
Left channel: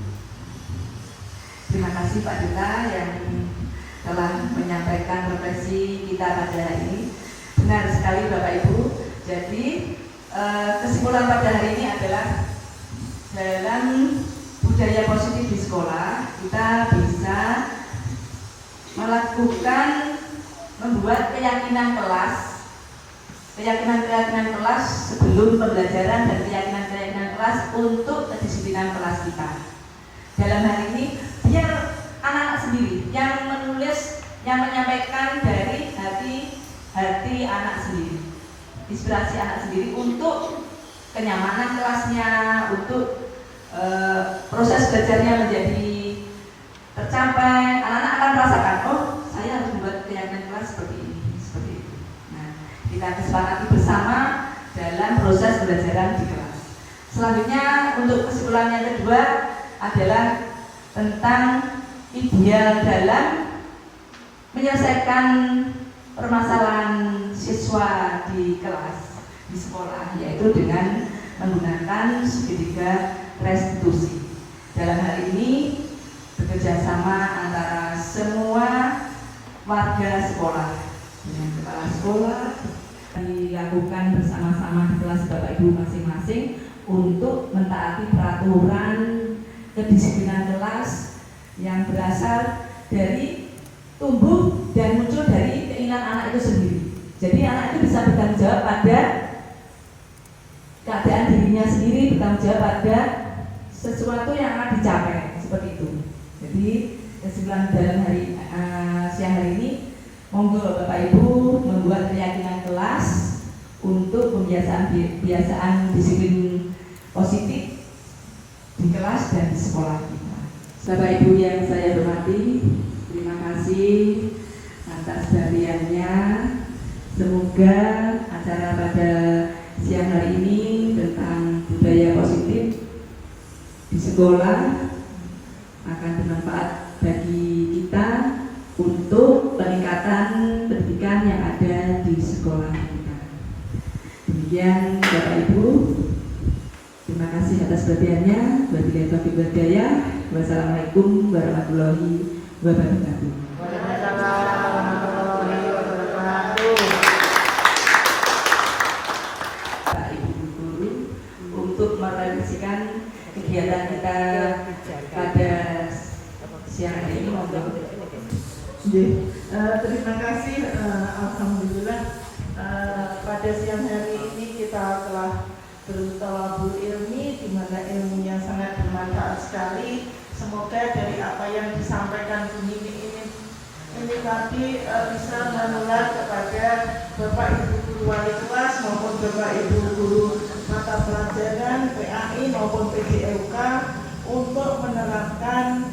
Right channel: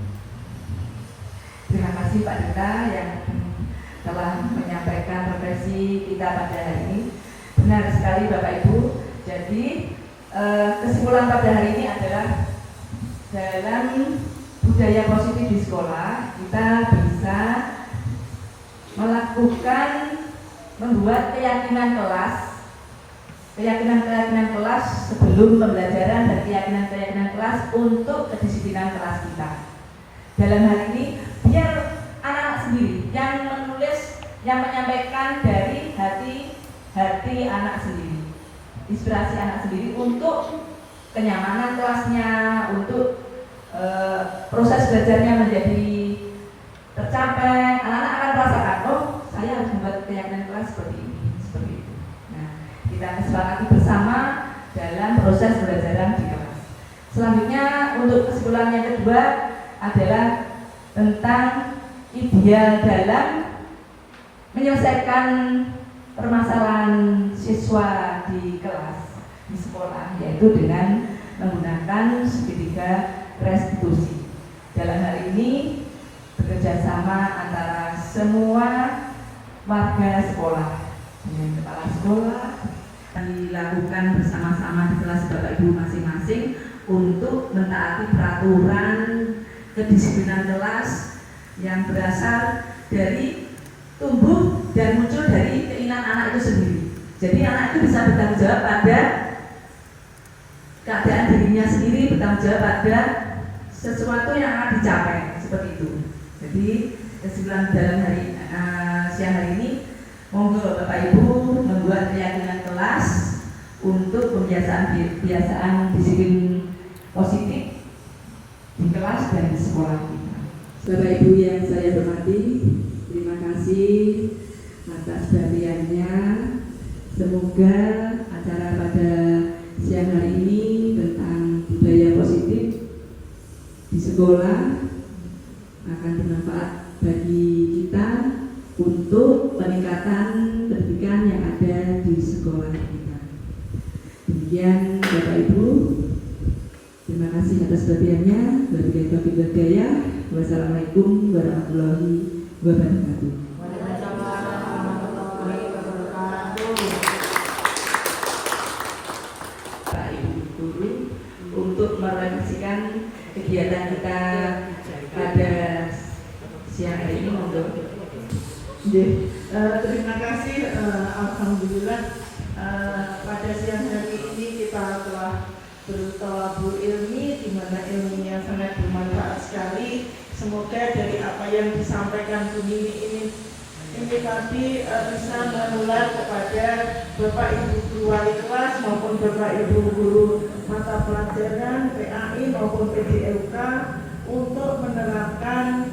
Terima kasih Pak Dita yang telah menyampaikan refleksi kita pada hari ini. Benar sekali Bapak Ibu. Jadi kesimpulan pada hari ini adalah dalam budaya positif di sekolah kita bisa melakukan membuat keyakinan kelas sebelum pembelajaran dan keyakinan kelas untuk kedisiplinan kelas kita. Dalam hal ini biar anak-anak sendiri yang menulis, yang menyampaikan dari hati anak sendiri, inspirasi anak sendiri untuk kenyamanan kelasnya, untuk proses belajarnya menjadi tercapai. Anak-anak akan merasakan, oh saya harus membuat keyakinan kelas seperti ini, seperti itu. Nah, kita kesepakati bersama dalam proses pembelajaran di kelas. Selanjutnya untuk kesimpulan yang kedua adalah tentang ideal dalam menyelesaikan permasalahan siswa di kelas, di sekolah, yaitu dengan menggunakan segitiga restitusi. Dalam hal ini bekerja sama antara semua warga sekolah dengan kepala sekolah, dilakukan bersama-sama di kelas Bapak Ibu masing-masing untuk mentaati peraturan kedisiplinan kelas yang berasal dari tumbuh dan muncul dari keinginan anak itu sendiri. Jadi anak itu bisa bertanggung jawab pada keadaan dirinya sendiri, bertanggung jawab pada sesuatu yang akan dicapai, seperti itu. Jadi kesimpulan dalam siang hari ini, monggo Bapak Ibu membuat keyakinan kelas untuk kebiasaan disiplin positif di kelas dan di sekolah kita. Bapak Ibu yang saya hormati, terima kasih atas perhatiannya. Semoga acara pada siang hari ini tentang budaya positif di sekolah akan bermanfaat bagi kita untuk peningkatan pendidikan yang ada di sekolah kita. Demikian Bapak Ibu, terima kasih atas perhatiannya. Wabillahi taufiq wal hidayah. Wassalamualaikum warahmatullahi wabarakatuh. Pak Ibu Guru untuk merealisasikan kegiatan kita pada siang hari ini untuk terima kasih. Alhamdulillah pada siang hari ini kita telah bertolabul ilmi, di mana ilmunya sangat bermanfaat sekali. Semoga dari apa yang disampaikan Bu Nini ini tadi bisa menular kepada Bapak Ibu guru wali kelas maupun Bapak Ibu guru mata pelajaran PAI maupun PDLK untuk menerapkan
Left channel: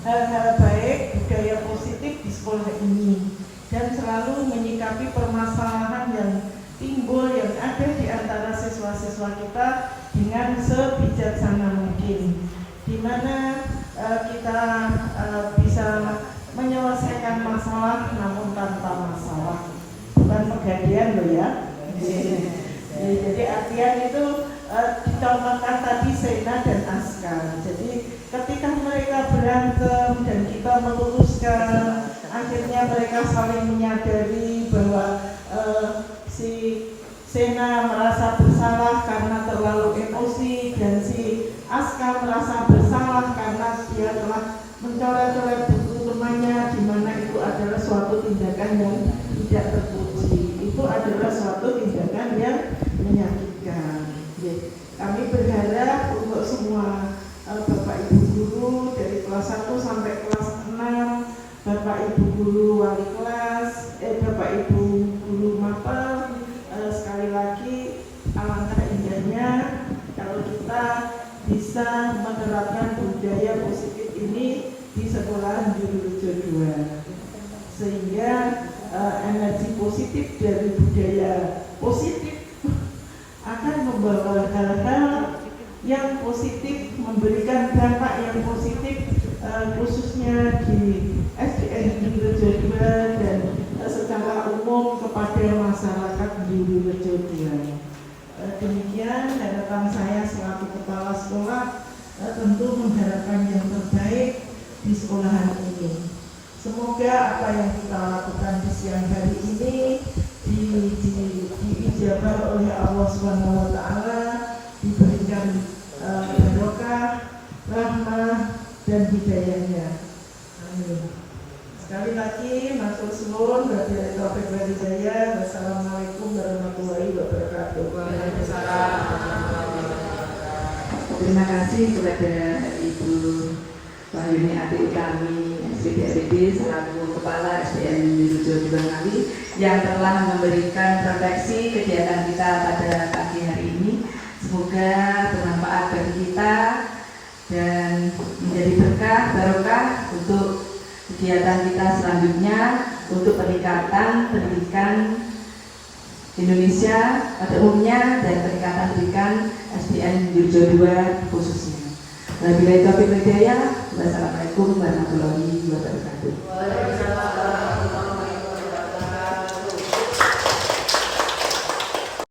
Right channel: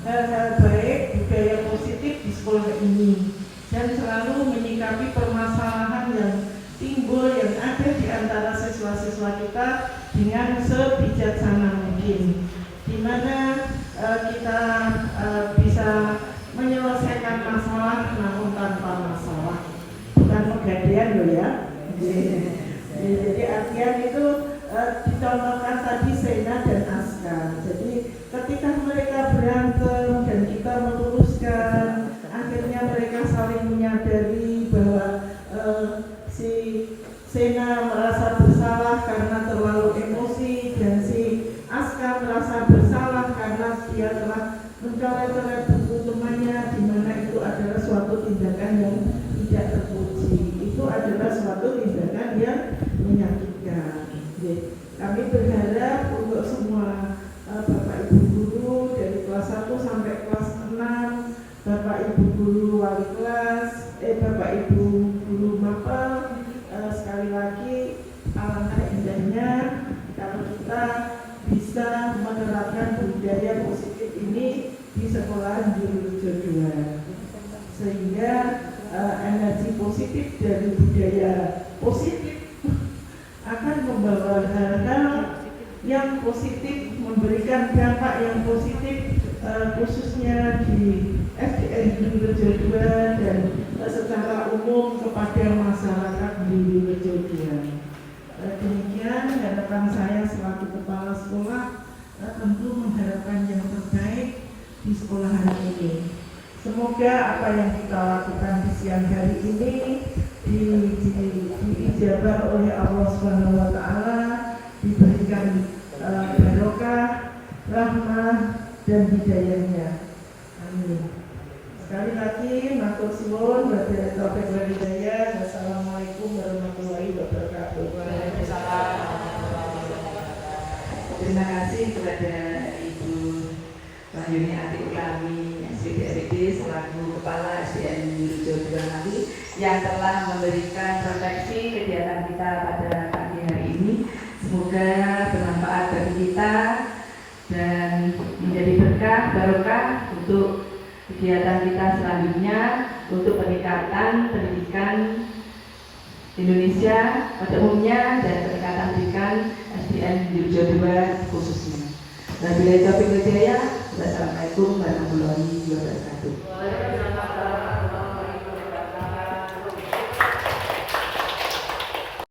hal-hal baik, budaya positif di sekolah ini, dan selalu menyikapi permasalahan yang timbul yang ada di antara siswa-siswa kita dengan sebijaksana mungkin, di mana kita bisa menyelesaikan masalah namun tanpa masalah, bukan pegadaian loh ya. Jadi artian itu dicontohkan tadi Sena dan Askar. Jadi ketika mereka berantem dan kita meluruskan, akhirnya mereka saling menyadari bahwa si Sena merasa bersalah karena terlalu emosi dan si Askar merasa bersalah karena dia telah mencoret-coret buku temannya, di mana itu adalah suatu tindakan yang tidak terpuji. Itu adalah suatu tindakan Kami berharap untuk semua Bapak Ibu guru dari kelas 1 sampai kelas 6, Bapak Ibu guru wali kelas, Bapak Ibu guru mapel, sekali lagi alangkah indahnya kalau kita bisa menerapkan budaya positif ini di sekolahan Jururejo 2, sehingga energi positif dari budaya positif akan membawa hal-hal yang positif, memberikan dampak yang positif khususnya di SDN Jururejo 2 dan secara umum kepada masyarakat Jururejo 2. Demikian harapan saya selaku kepala sekolah, tentu mengharapkan yang terbaik di sekolahan ini. Semoga apa yang kita lakukan di siang hari ini diijabah oleh Allah SWT, diberikan barokah, rahmah dan hidayahnya. Amin. Sekali lagi matur suwun, wabillahi taufiq wal hidayah. Wassalamualaikum warahmatullahi wabarakatuh. Terima kasih kepada Ibu Wahyuni Ati Utami SPDRD selaku Kepala SDN Jururejo 2 Ngawi yang telah memberikan refleksi kegiatan kita pada pagi hari ini. Semoga bermanfaat bagi kita dan menjadi berkah barokah untuk kegiatan kita selanjutnya untuk peningkatan pendidikan Indonesia pada umumnya dan peningkatan pendidikan SDN Jururejo 2 khususnya. Wabillahi taufiq wal hidayah. Wassalamualaikum warahmatullahi wabarakatuh.